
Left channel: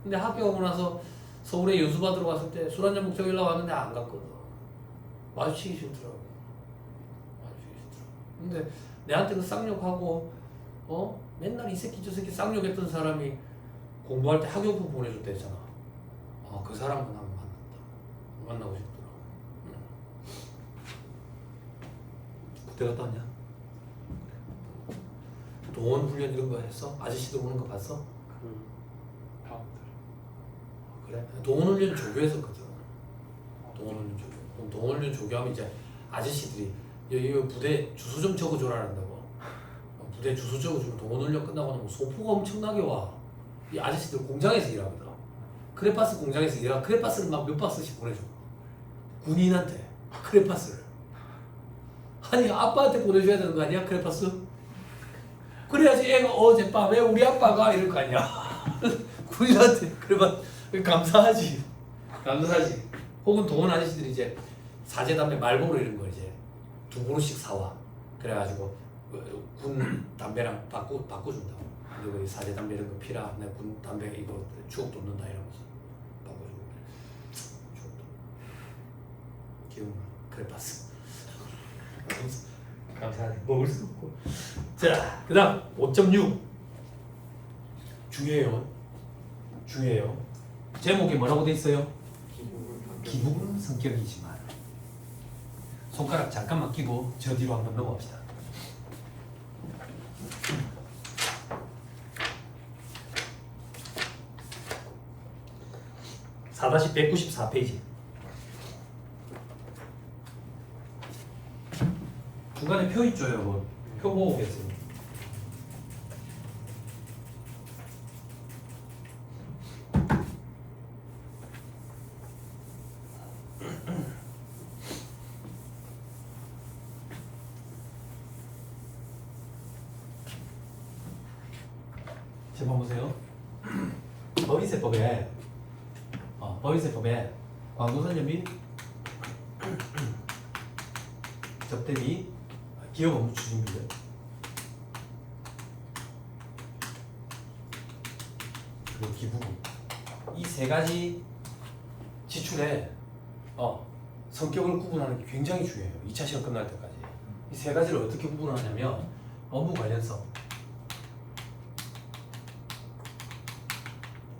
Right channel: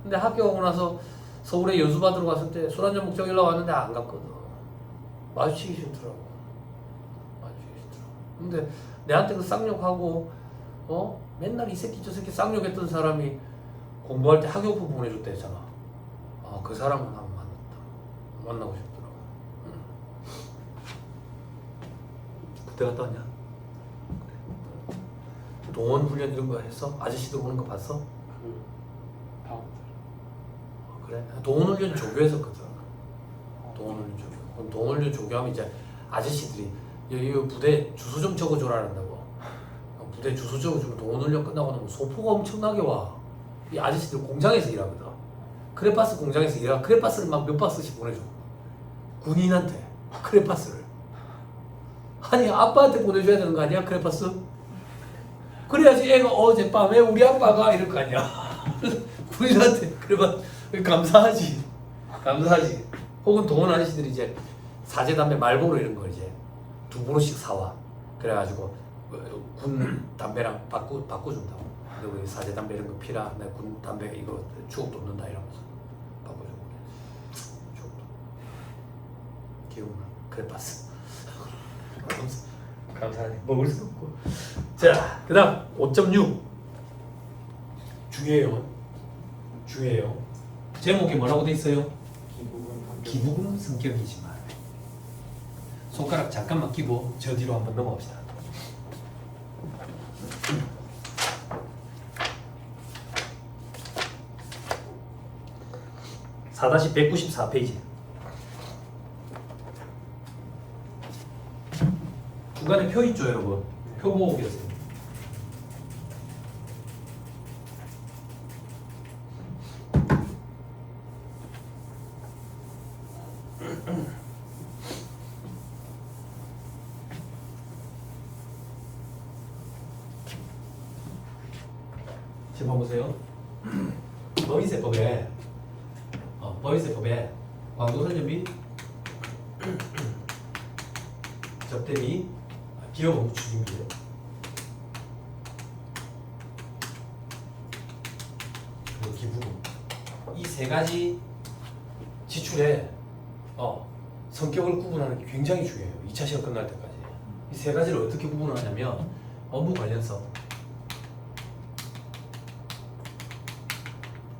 근데 학교 오고 나서 서울에 연수 받으러 갔을 때 술 한잔 먹자길래 왔는데 안 갔거든. 마주치기 싫더라고. 근데 내한테 그 쌍욕하고 맨날 이 새끼 저 새끼 쌍욕했던 사람이 공부할 때 학용품 보내줬다 했잖아. 그 사람은 한번 만나고 싶더라고. 그때 갔다 왔냐? 동원 훈련 이런 거 했어? 아저씨들 오는 거 봤어? 그래? 동원 훈련 조교했었거든. 동원 훈련 조교. 동원 훈련 조교하면 이제 아저씨들이 여기 부대 주소 좀 적어줘라 한다고. 부대 주소 적어주면 동원 훈련 끝나고 나면 소포가 엄청나게 와. 이 아저씨들 공장에서 일하거든. 크레파스 공장에서 일하고 크레파스를 막 몇 바스씩 보내줘. 군인한테 크레파스를. 아니 아빠한테 보내줘야 되는 거 아니야 크레파스? 그래야지 애가 어젯밤에 우리 아빠가 이럴 거 아니야. 군인한테 그러면 감사하지. 감사하지. 혹은 동원 아저씨들이 이제 사제 담배 말보로 이런 거 이제 2그릇씩 사와. 그래가지고 군 담배랑 바꿔준다고. 그리고 사제 담배 이런 거 피라. 나 군 담배 이거 추억 돋는다 이러면서 바꿔주고. 추억 돋. 기억나. 그래 봤어. 감사하지. 먹을 수 없고. 자, 그다음 5.6 중요해요. 중요해요. 제목이 뭐라고 돼 있어요? 기부금 성격이지만. 손가락 잠깐만 끼고 저 뒤로 한번 넘어갑시다. 4-194페이지. 중간에 표 있죠, 여러분. 표 보고 오겠어요. 제목 보세요. 법인세법에 광고선전 및 접대 및 기업 업무 추진비 그리고 기부금 이 세 가지 지출에 성격을 구분하는 게 굉장히 중요해요. 2차 시험 끝날 때까지 이 세 가지를 어떻게 구분하냐면 업무 관련성,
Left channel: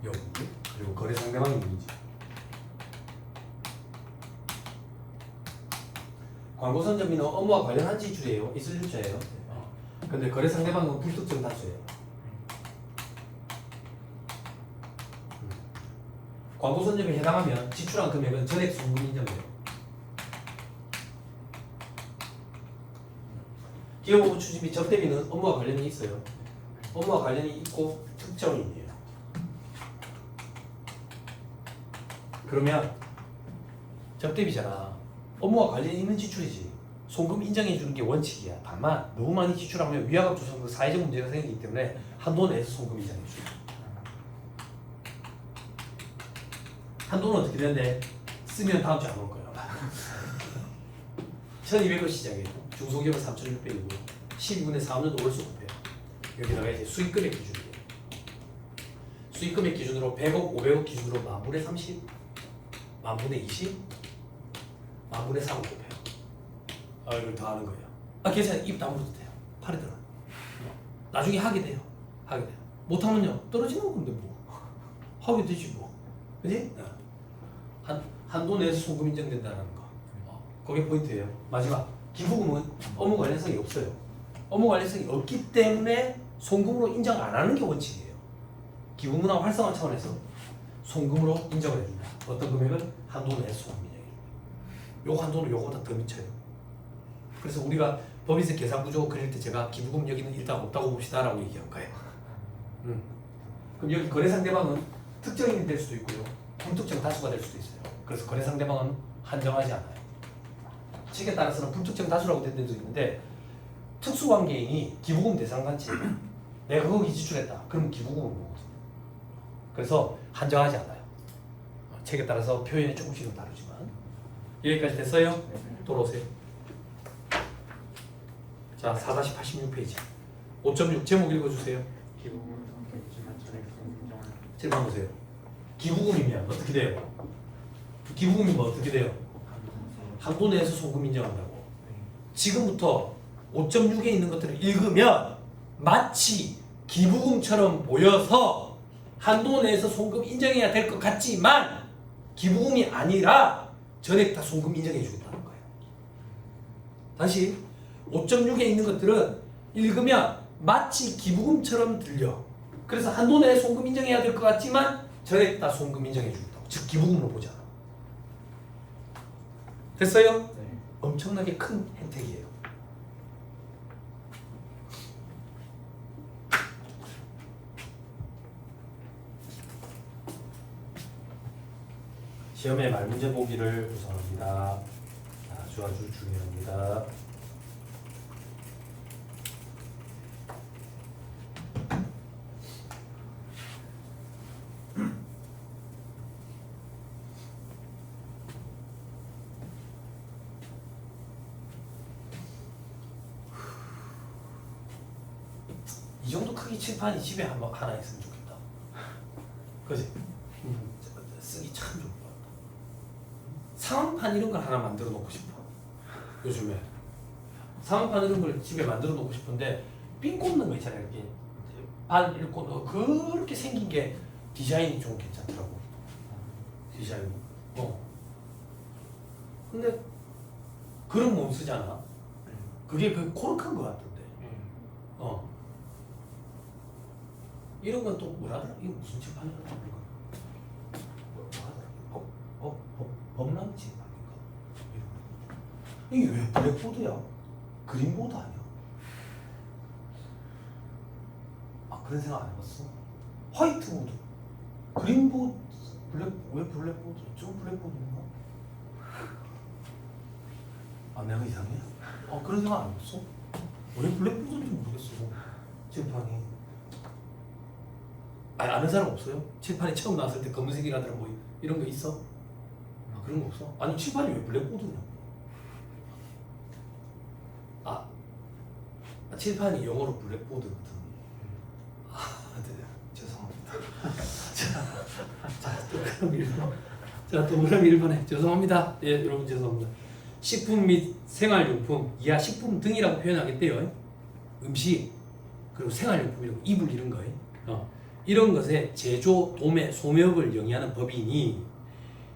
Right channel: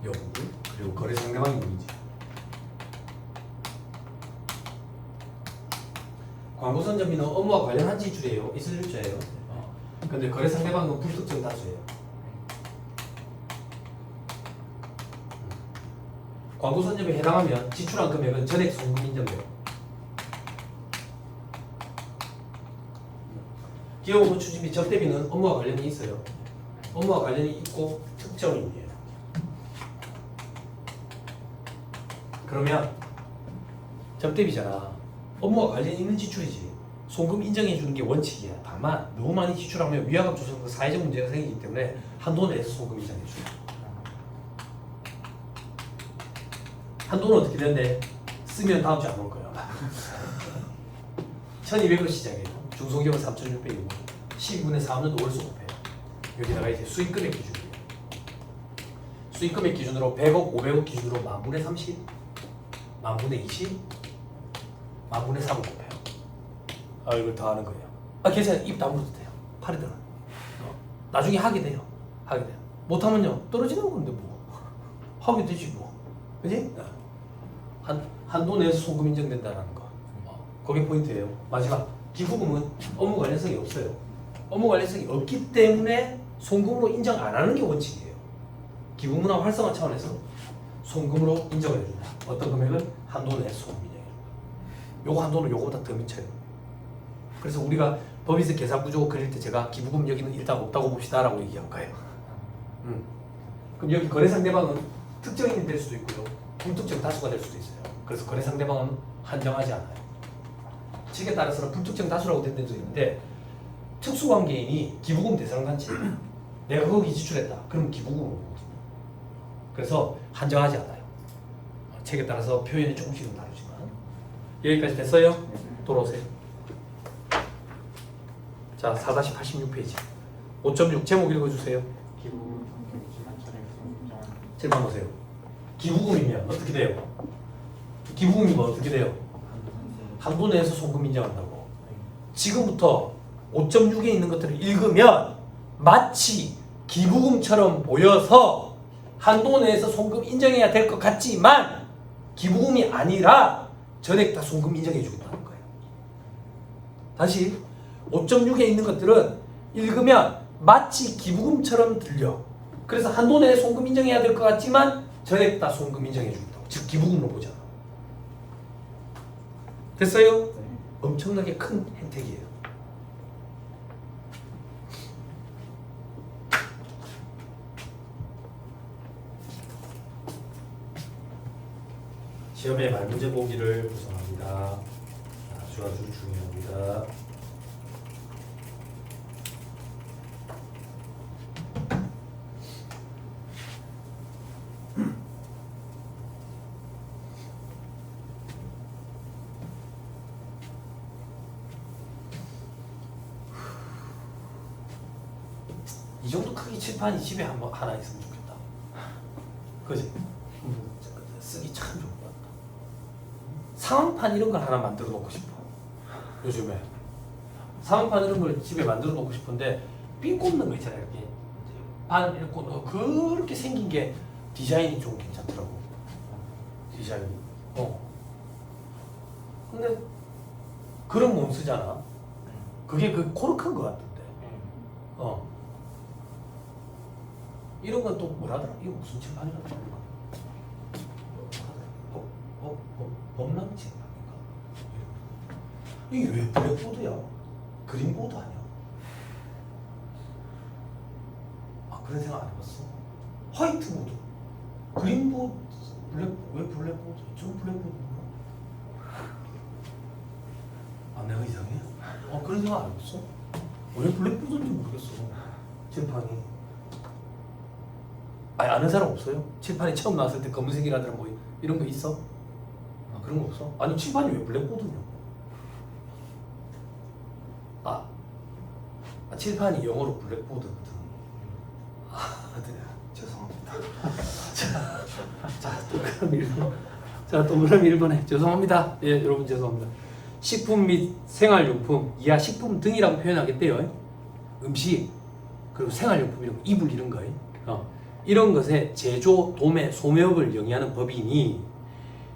여부, 그리고 거래 상대방의 이미지. 광고 선점비는 업무와 관련한 지출이에요. 있을 일자예요. 근데 거래 상대방은 불특정 다수예요. 광고 선점에 해당하면 지출한 금액은 전액 송금 인정돼요. 기업 업무 추진비 접대비는 업무와 관련이 있어요. 업무와 관련이 있고 특정인이에요. 그러면 접대비잖아. 업무와 관련이 있는 지출이지. 송금 인정해 주는 게 원칙이야. 다만 너무 많이 지출하면 위화감 조성 사회적 문제가 생기기 때문에 한도 내에서 송금 인정해 줘요. 한도는 어떻게 되는데 쓰면 다음 주에 안 올 거야. 1200원 시작이에요. 중소기업은 3600이고 12분의 4는 5월 수급해요. 여기다가 이제 수익금액 기준이에요. 수익금액 기준으로 100억, 500억 기준으로 만분의 30, 만분의 20, 만분의 3을 곱해요. 이걸 더 하는 거예요. 괜찮아요. 입 다물어도 돼요. 팔이 들어. 나중에 하게 돼요. 하게 돼요. 못하면요 떨어지는 건데 뭐 하게 되지 뭐. 그지? 한도 내에서 송금 인정된다는 거. 그게 포인트예요. 마지막 기부금은 업무 관련성이 없어요. 업무 관련성이 없기 때문에 송금으로 인정 안 하는 게 원칙이에요. 기부문화 활성화 차원에서 송금으로 인정을 해준다. 어떤 금액은 한도 내에서 송금 인정. 요거 한도는 요거보다 더 미쳐요. 그래서 우리가 법인세 계산 구조 그릴 때 제가 기부금 여기는 일단 없다고 봅시다라고 얘기한 거예요. 그럼 여기 거래 상대방은 특정인이 될 수도 있고요. 불특정 다수가 될 수도 있어요. 그래서 거래 상대방은 한정하지 않아요. 책에 따라서는 불특정 다수라고 된 데도 있는데 특수관계인이 기부금 대상 단체 내가 거기 지출했다. 그럼 기부금으로 그래서 한정하지 않아요. 책에 따라서 표현이 조금씩은 다르지만 여기까지 됐어요? 돌아오세요. 자, 4-86페이지 5.6 제목 읽어주세요. 제목 보세요. 기부금이면 어떻게 돼요? 기부금이면 어떻게 돼요? 한도 내에서 송금 인정한다고. 지금부터 5.6에 있는 것들을 읽으면 마치 기부금처럼 보여서 한도 내에서 송금 인정해야 될 것 같지만 기부금이 아니라 전액 다 송금 인정해 주겠다는 거예요. 다시 5.6에 있는 것들은 읽으면 마치 기부금처럼 들려. 그래서 한도 내에 송금 인정해야 될 것 같지만 전액 다 송금 인정해 주겠다고. 즉 기부금으로 보잖아. 됐어요? 네. 엄청나게 큰 혜택이에요. 시험의 말문제 보기를 구성합니다. 아주 중요합니다. 이 정도 크기 칠판이 집에 하나 있으면 좋겠다. 그지? 쓰기 참 좋을 것 같다. 상황판 이런 걸 하나 만들어 놓고 싶어. 요즘에 상황판 이런 걸 집에 만들어 놓고 싶은데 핀 꽂는 거 있잖아요. 이렇게 반 이렇게 꽂는 거 그렇게 생긴 게 디자인이 좀 괜찮더라고. 디자인이. 근데 그런 거 못 쓰잖아. 그게 그 코르크인 것 같은데. 이런 건 또 뭐라더라? 이거 무슨 칠판이라고 그러나? 뭐라더라? 범람 칠판인가? 이게 왜 블랙보드야? 그린보드 아니야? 아 그런 생각 안 해봤어? 화이트보드, 그린보드, 왜 블랙보드? 좀 블랙보드인가? 아 내가 이상해? 그런 생각 안 해봤어? 왜 블랙보드인지 모르겠어. 칠판이. 아는 사람 없어요? 칠판이 처음 나왔을 때 검은색이라더라 뭐 이런 거 있어? 그런 거 없어? 아니 칠판이 왜 블랙보드냐? 칠판이 영어로 블랙보드거든. 네. 죄송합니다. 또 그럼 1번에 죄송합니다. 예, 여러분 죄송합니다. 식품 및 생활용품, 이하 식품 등이라고 표현하겠대요. 음식, 그리고 생활용품, 이런 이불 이런 거예요. 이런 것의 제조, 도매, 소매업을 영위하는 법이니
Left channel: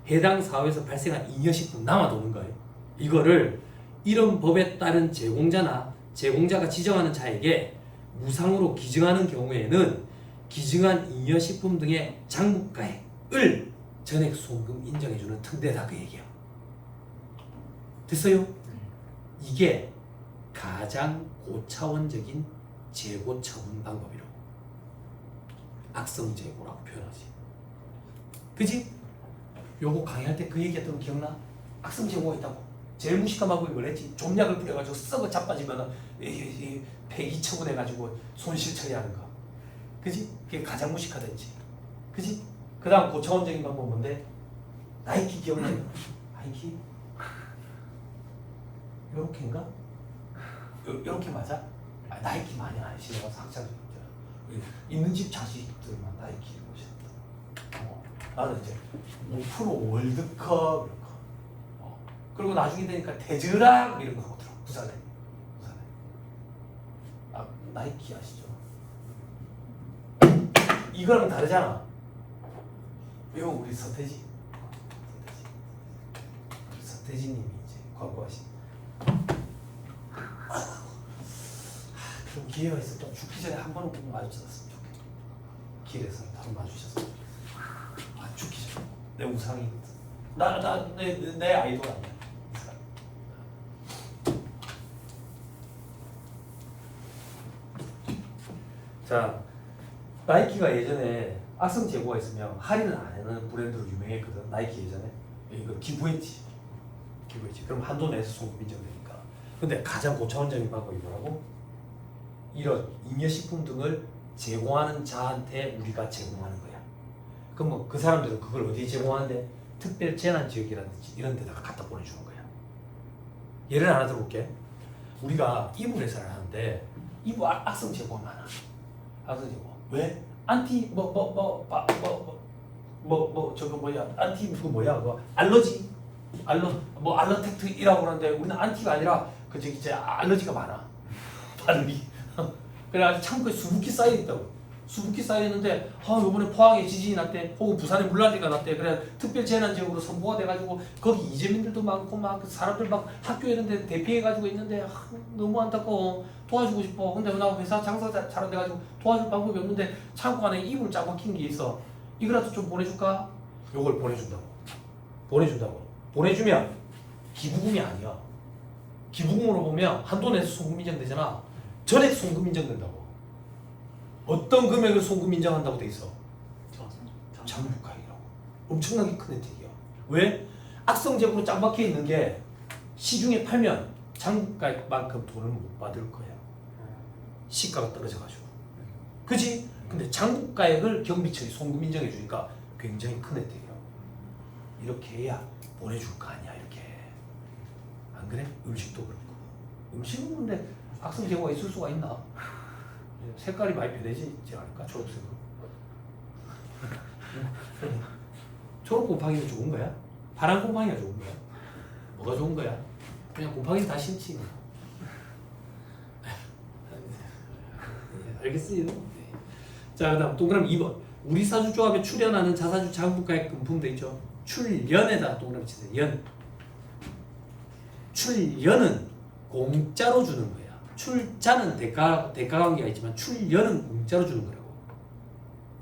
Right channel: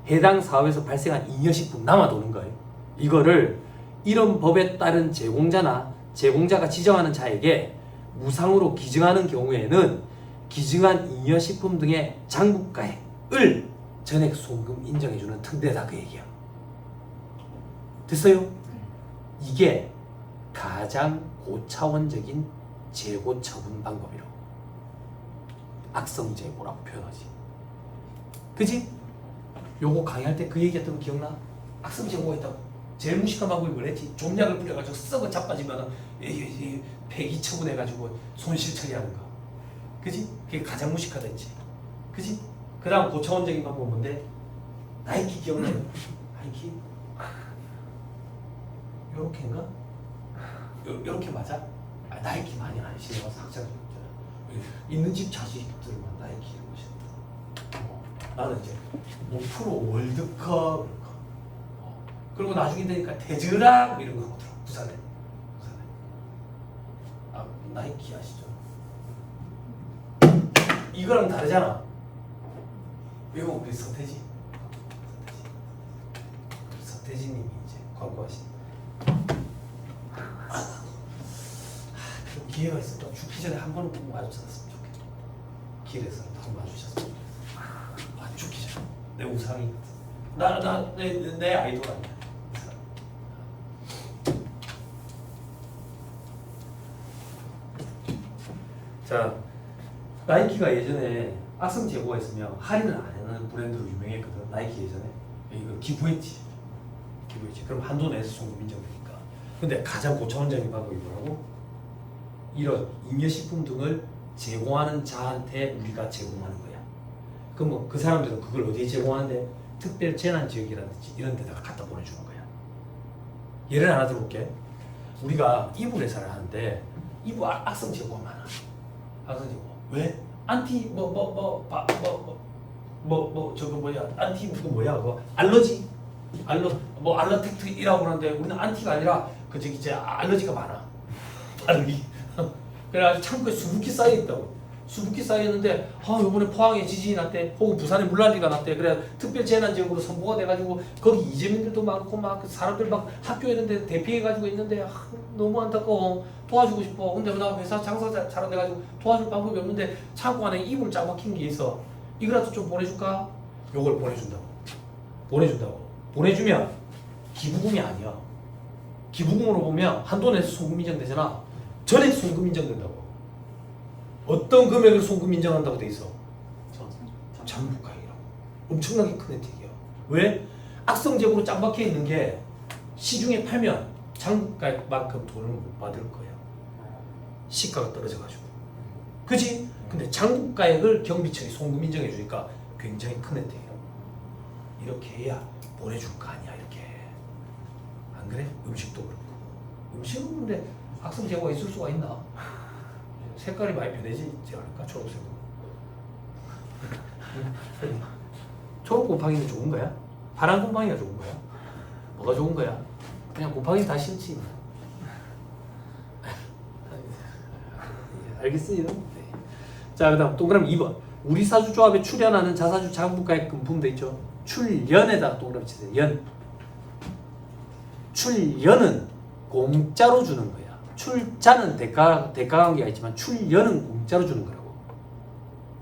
해당 사업에서 발생한 잉여식품 남아도는 거예요. 이거를 이런 법에 따른 제공자가 지정하는 자에게 무상으로 기증하는 경우에는 기증한 잉여식품 등의 장부가액을 전액 송금 인정해주는 특례다 그 얘기야. 됐어요? 이게 가장 고차원적인 재고 처분 방법이라고. 악성 재고라고 표현하지. 그지? 요거 강의할 때 그 얘기했던 거 기억나? 악성 재고가 있다고. 제일 무식한 방법이 뭐랬지? 좀약을 뿌려가지고 썩어 자빠지면 폐기 처분해가지고 손실 처리하는 거. 그지? 그게 가장 무식하다 했지. 그지? 그 다음 고차원적인 방법은 뭔데? 나이키 기억나요? 나이키? 요렇게인가? 요렇게 맞아? 나이키 많이 안 신어서 학창 있는 집 자식들만 나이키 이런 거 신어. 나는 이제 뭐 프로 월드컵 이런 거. 그리고 나중에 되니까 대즈락 이런 거 하더라고. 부산에. 나이키 아시죠? 이거랑 다르잖아. 이거 우리 서태지님이 이제 광고하신. 그런 기회가 있었다. 죽기 전에 한 번은 꼭 마주쳤으면 좋겠다. 길에서 한번 마주쳤으면 좋겠다. 죽기 전에. 내 우상이거든. 내 아이돌 아니야. 자, 나이키가 예전에 악성 재고가 있으면 할인을 안 하는 브랜드로 유명했거든. 나이키 예전에. 이거 기부했지. 그럼 한도 내에서 송금 인정되니까. 근데 가장 고차원적인 방법이 뭐라고? 이런 잉여식품 등을 제공하는 자한테 우리가 제공하는 거야. 그럼 뭐 그 사람들은 그걸 어디에 제공하는데? 특별 재난 지역이라든지 이런 데다가 갖다 보내주는 거야. 예를 하나 들어볼게. 우리가 이불 회사를 하는데 이불 악성 재고가 많아. 악성 재고. 왜? 안티 저거 뭐야? 안티 그거 뭐야? 그거 알러지? 알러텍트이라고 하는데 우리는 안티가 아니라 그 저기 이제 알러지가 많아. 발음이. 그래가지고 창고에 수북히 쌓여 있다고. 수북히 쌓여 있는데 이번에 포항에 지진이 났대. 혹은 부산에 물난리가 났대. 그래 특별 재난 지역으로 선포가 돼가지고 거기 이재민들도 많고 막 그 사람들 막 학교 이런 데 대피해가지고 있는데 너무 안타까워. 도와주고 싶어. 근데 나 회사 장사 잘 돼가지고 도와줄 방법이 없는데 창고 안에 이불 짱 막힌 게 있어. 이거라도 좀 보내줄까? 요걸 보내준다고. 보내주면 기부금이 아니야. 기부금으로 보면 한도 내에서 송금 인정되잖아. 전액 송금 인정된다고. 어떤 금액을 송금 인정한다고 돼 있어? 장부가액이라고. 엄청나게 큰 혜택이야. 왜? 악성 재고로 짱 박혀 있는 게 시중에 팔면 장부가액만큼 돈을 못 받을 거야. 시가가 떨어져가지고. 그지? 근데 장부가액을 경비처리 송금 인정해 주니까 굉장히 큰 혜택이라고. 이렇게 해야 보내줄 거 아니야. 이렇게. 안 그래? 음식도 그렇고. 음식은 근데 악성 재고가 있을 수가 있나? 색깔이 많이 변해지지 않을까? 초록색으로. 초록 곰팡이가 좋은 거야? 파란 곰팡이가 좋은 거야? 뭐가 좋은 거야? 그냥 곰팡이 다 싫지. 알겠어요? 네. 자, 그 다음 동그라미 2번. 우리 사주 조합에 출연하는 자사주 장부가액 금품 돼 있죠? 출연에다가 동그라미 치세요. 연. 출연은 공짜로 주는 거야. 출자는 대가 관계가 있지만 출연은 공짜로 주는 거라고.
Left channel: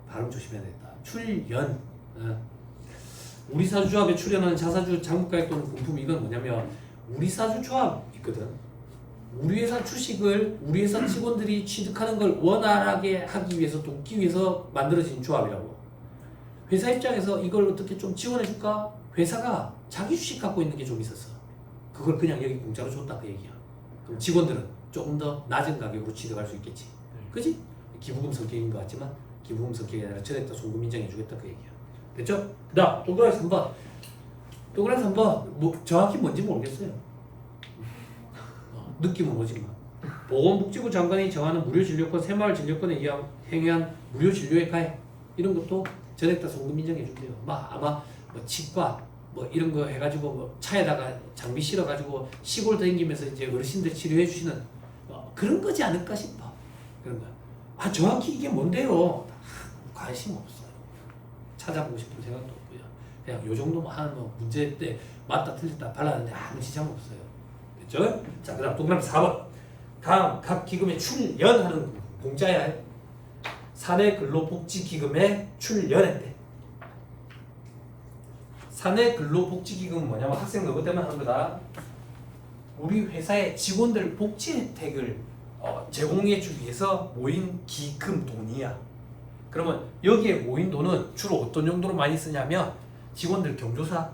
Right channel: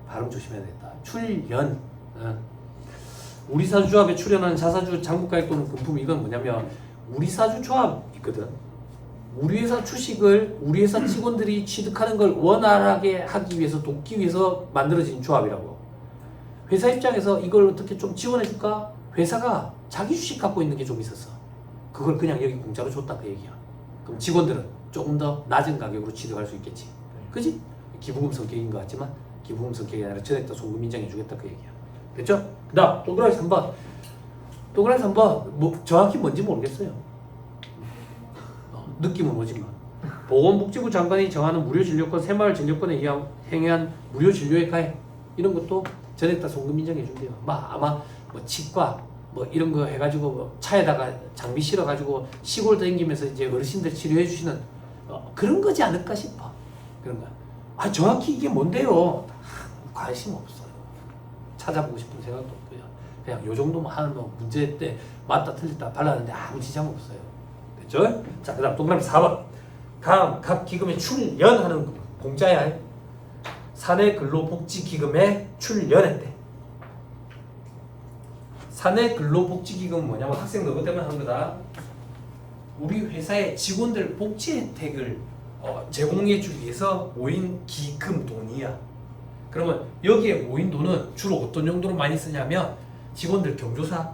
발음 조심해야 되겠다. 출연. 우리 사주 조합에 출연하는 자사주 장부가액 또는 금품 이건 뭐냐면 우리 사주 조합 있거든. 우리 회사 주식을 우리 회사 직원들이 취득하는 걸 원활하게 하기 위해서 돕기 위해서 만들어진 조합이라고. 회사 입장에서 이걸 어떻게 좀 지원해 줄까? 회사가 자기 주식 갖고 있는 게 좀 있었어. 그걸 그냥 여기 공짜로 줬다 그 얘기야. 그럼 직원들은 조금 더 낮은 가격으로 취득할 수 있겠지. 그지? 기부금 성격인 것 같지만 기부금 성격이 아니라 전액 다 송금 인정해 주겠다 그 얘기야. 됐죠? 그 다음 동그라미 3번. 동그라미 3번 뭐 정확히 뭔지 모르겠어요. 느낌은 오지만 보건복지부 장관이 정하는 무료 진료권 새마을 진료권에 행한 무료 진료의 가액 이런 것도 전액 다 송금 인정해 준대요. 아마 뭐 치과 뭐 이런 거 해가지고 뭐 차에다가 장비 실어가지고 시골 다니면서 이제 어르신들 치료해 주시는 그런 거지 않을까 싶어. 그런 거. 정확히 이게 뭔데요? 관심 없어요. 찾아보고 싶은 생각도 없고요. 그냥 요 정도만 하면 문제 때 맞다 틀렸다 발랐는데 아무 지장 없어요. 됐죠? 자, 그 다음 동그라미 4번. 다음 각 기금에 출연하는 거. 공짜야. 사내 근로복지기금에 출연했대. 사내 근로복지기금은 뭐냐면 학생 너무 때문에 하는 거다. 우리 회사의 직원들 복지 혜택을 제공해 주기 위해서 모인 기금 돈이야. 그러면 여기에 모인 돈은 주로 어떤 용도로 많이 쓰냐면 직원들 경조사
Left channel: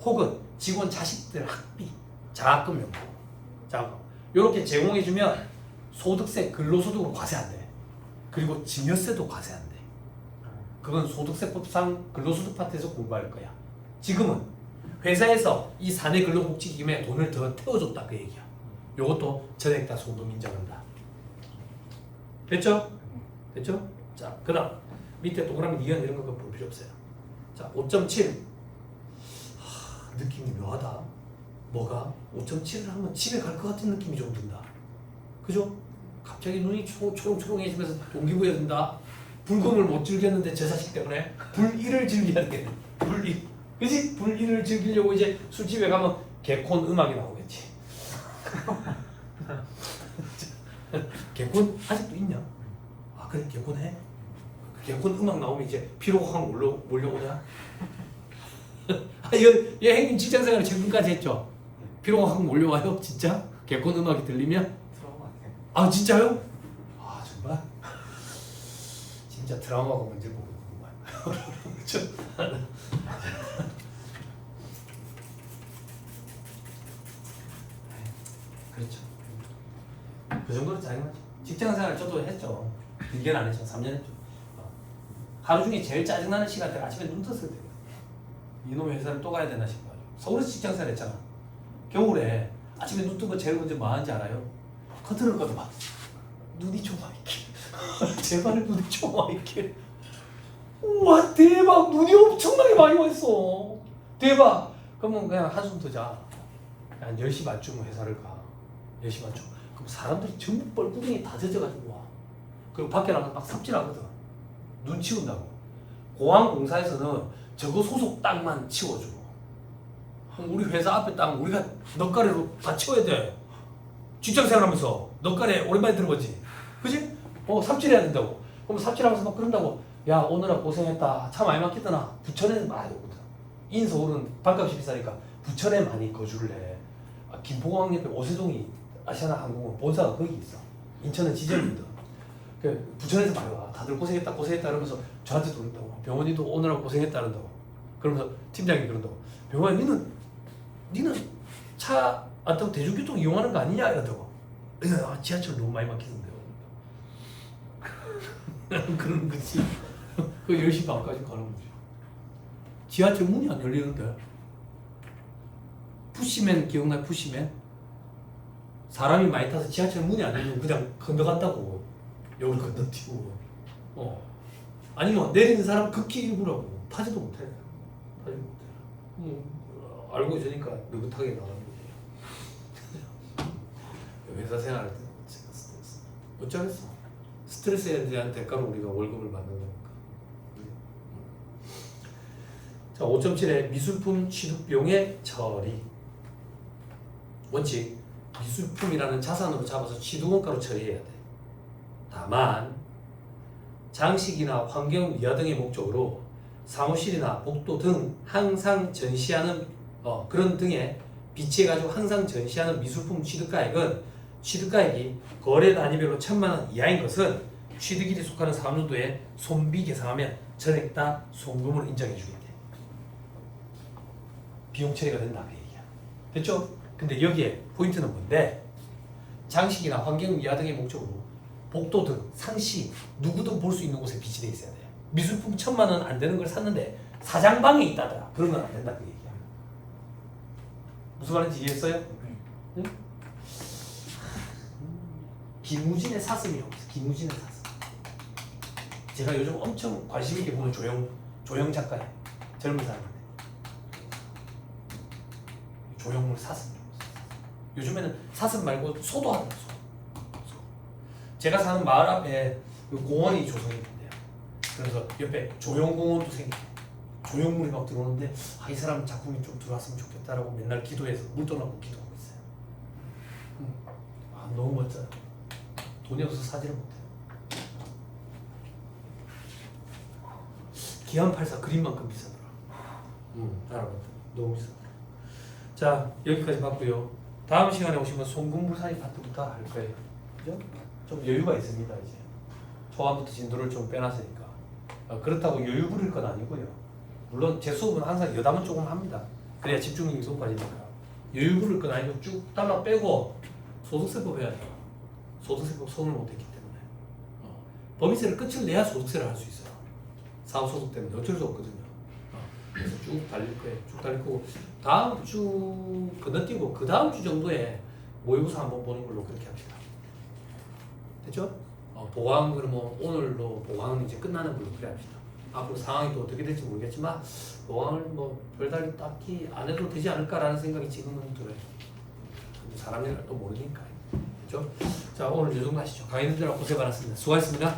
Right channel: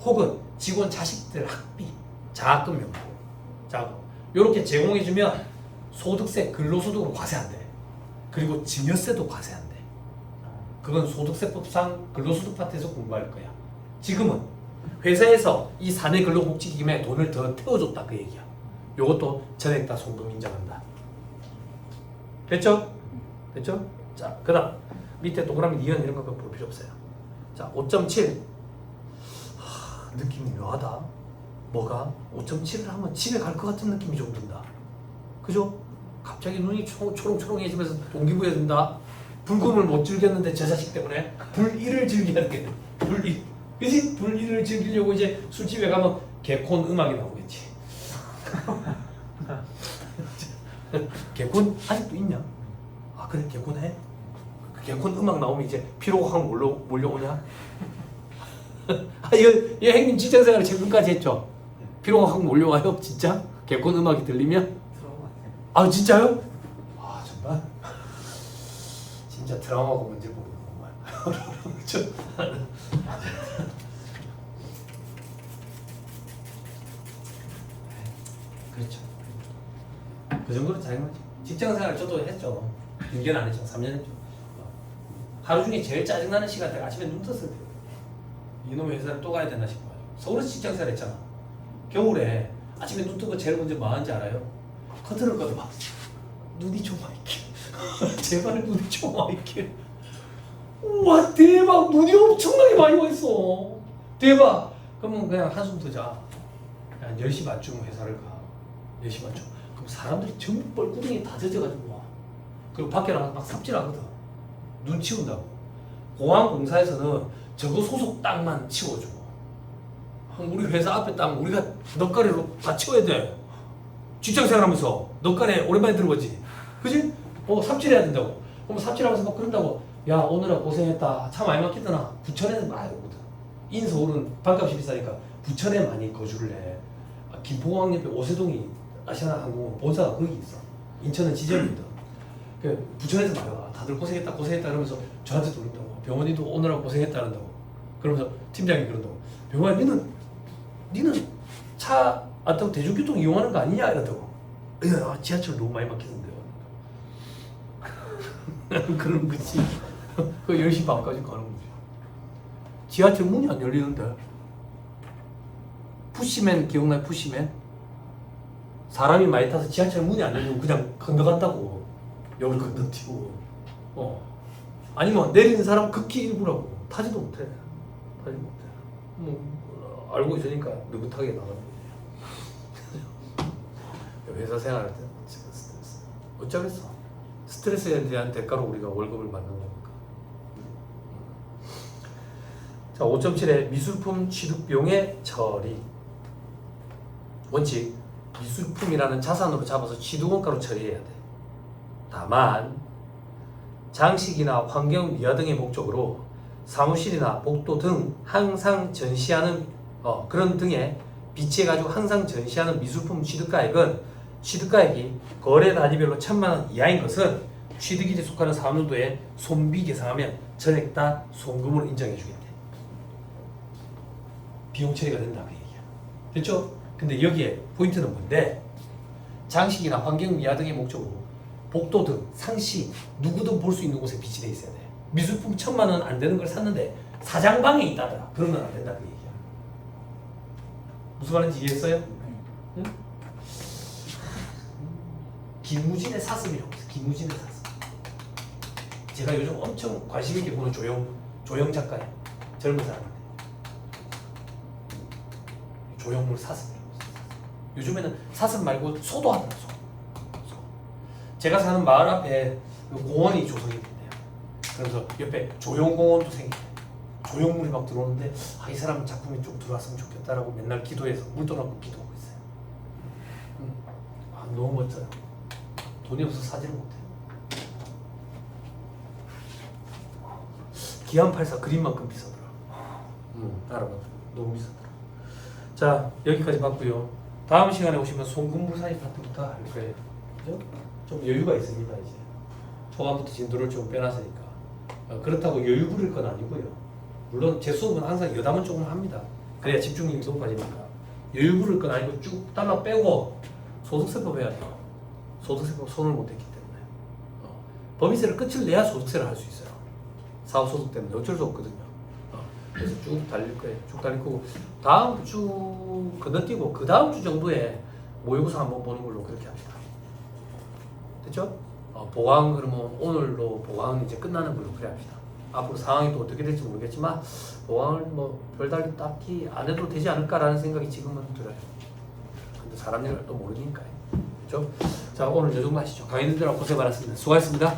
혹은 직원 자식들 학비, 장학금 명부, 이렇게 제공해주면 소득세, 근로소득으로 과세 안 돼. 그리고 증여세도 과세 안 돼. 그건 소득세법상 근로소득 파트에서 공부할 거야. 지금은 회사에서 이 사내 근로복지기금에 돈을 더 태워줬다 그 얘기야. 요것도 전액 다 송금 인정한다. 됐죠? 됐죠? 자, 그 다음 밑에 동그라미 니은 이런 거 볼 필요 없어요. 자, 5.7 느낌이 묘하다. 뭐가? 5.7을 하면 집에 갈 것 같은 느낌이 좀 든다. 그죠? 갑자기 눈이 초롱초롱해지면서 동기부여 든다. 불금을 못 즐겼는데 저 자식 때문에 불일을 즐겨야 돼. 불일. 그지? 불일을 즐기려고 이제 술집에 가면 개콘 음악이 나오겠지. 개콘 아직도 있냐? 아 그래 개콘 해? 개콘 음악 나오면 이제 피로가 확 몰려오냐? 이거 형님 직장생활 최근까지 했죠? 피로가 확 몰려와요? 진짜? 개콘 음악이 들리면? 아 진짜요? 아 정말? 진짜 드라마가 뭔지 모르겠구만. 그렇죠. 그 정도로 잘한 거지. 직장생활 저도 했죠. 1년 안 했죠. 3년 했죠. 하루 중에 제일 짜증나는 시간대가 아침에 눈 떴을 때. 이놈의 회사를 또 가야 되나 싶어요. 서울에서 직장생활 했잖아. 겨울에 아침에 눈 뜨고 제일 먼저 뭐 하는지 알아요? 커튼을 꺼도 막 눈이 좀 와있게 제발 눈이 좀 와있게. 우와 대박 눈이 엄청나게 많이 와있어. 대박. 그러면 그냥 한숨 뜨자. 한 10시 반쯤 회사를 가. 10시 반쯤. 그럼 사람들이 전부 뻘구덩이 다 젖어가지고 와. 그리고 밖에 나가서 막 삽질하거든. 눈 치운다고. 공항공사에서는 저거 소속 땅만 치워주고 우리 회사 앞에 땅 우리가 넉가래로 다 치워야 돼. 직장생활하면서 넉가래 오랜만에 들어보지. 그지? 삽질해야 된다고. 그럼 삽질하면서 막 그런다고. 야 오늘은 고생했다. 차 많이 막히더나. 부천에는 많이 오거든. 인서울은 반값이 비싸니까 부천에 많이 거주를 해. 김포공항 옆에 오세동이 아시아나항공은 본사가 거기 있어. 인천은 지점이거든. 그 부천에서 많이 와. 다들 고생했다 이러면서 저한테도 그런다고. 병원이도 오느라 고생했다 그런다고. 그러면서 팀장이 그런다고. 병원이 니는 차 안 타고 대중교통 이용하는 거 아니냐 이런다고. 지하철 너무 많이 막히던데요. 그런 거지. 그 10시 반까지 가는 거지. 지하철 문이 안 열리는데. 푸시맨 기억나요? 푸시맨? 사람이 많이 타서 지하철 문이 안 열리면 그냥 건너간다고. 여기 건너뛰고 아니면 내리는 사람 극히 일부라고 타지도 못해. 뭐 알고 있으니까 느긋하게 나가는 거지. 회사 생활할 때 스트레스 어쩌겠어. 스트레스에 대한 대가로 우리가 월급을 받는 거니까. 자, 5.7에 미술품 취득비용의 처리. 원칙, 미술품이라는 자산으로 잡아서 취득원가로 처리해야 돼. 다만 장식이나 환경 미화 등의 목적으로 사무실이나 복도 등 항상 전시하는 그런 등에 비치해가지고 항상 전시하는 미술품 취득가액은 취득가액이 거래 단위별로 1,000만 원 이하인 것은 취득일에 속하는 사업연도에 손비 계상하면 전액 다 송금으로 인정해주겠대. 비용 처리가 된다 그 얘기야. 됐죠? 근데 여기에 포인트는 뭔데? 장식이나 환경 미화 등의 목적으로 복도 등 상시 누구든 볼 수 있는 곳에 비치돼 있어야 돼. 미술품 1,000만 원 안 되는 걸 샀는데 사장방에 있다더라. 그런 건 안 된다 그 얘기야. 무슨 말인지 이해했어요? 응? 김우진의 사슴이라고 있어. 김우진의 사슴. 제가 요즘 엄청 관심 있게 보는 조영 작가예요. 젊은 사람인데. 조영물 사슴이라고 있어요. 요즘에는 사슴 말고 소도 하더라. 소. 제가 사는 마을 앞에 그 공원이 조성이 된대요. 그래서 옆에 조영공원도 생기고 조형물이 막 들어오는데 이 사람 작품이 좀 들어왔으면 좋겠다라고 맨날 기도해서 물 떠나고 기도하고 있어요. 너무 멋져요. 돈이 없어서 사지를 못해요. 기안84 그림만큼 비싸더라. 알아봤더니 너무 비싸더라. 자, 여기까지 봤고요. 다음 시간에 오시면 송금불사의 파트부터 할 거예요. 그죠? 좀 여유가 있습니다. 이제 초반부터 진도를 좀 빼놨으니까. 그렇다고 여유 부릴 건 아니고요. 물론 제 수업은 항상 여담은 조금 합니다. 그래야 집중력이 높아지니까. 여유 부릴 건 아니고 쭉 달러 빼고 소득세법 해야 돼요. 소득세법 손을 못 댔기 때문에. 법인세를 끝을 내야 소득세를 할 수 있어요. 사업소득 때문에 어쩔 수 없거든요. 그래서 쭉 달릴 거예요. 쭉 달릴 거고 다음 주 건너뛰고 그 다음 주 정도에 모의고사 한번 보는 걸로 그렇게 합시다. 됐죠? 보강 그러면 오늘로 보강은 이제 끝나는 걸로 그래 합시다. 앞으로 상황이 또 어떻게 될지 모르겠지만 보강을 뭐 별다른 딱히 안 해도 되지 않을까라는 생각이 지금은 들어요. 근데 사람 일을 또 모르니까요. 그렇죠? 자, 오늘 요 정도 하시죠. 강의님들하고 고생 많았습니다. 수고하셨습니다.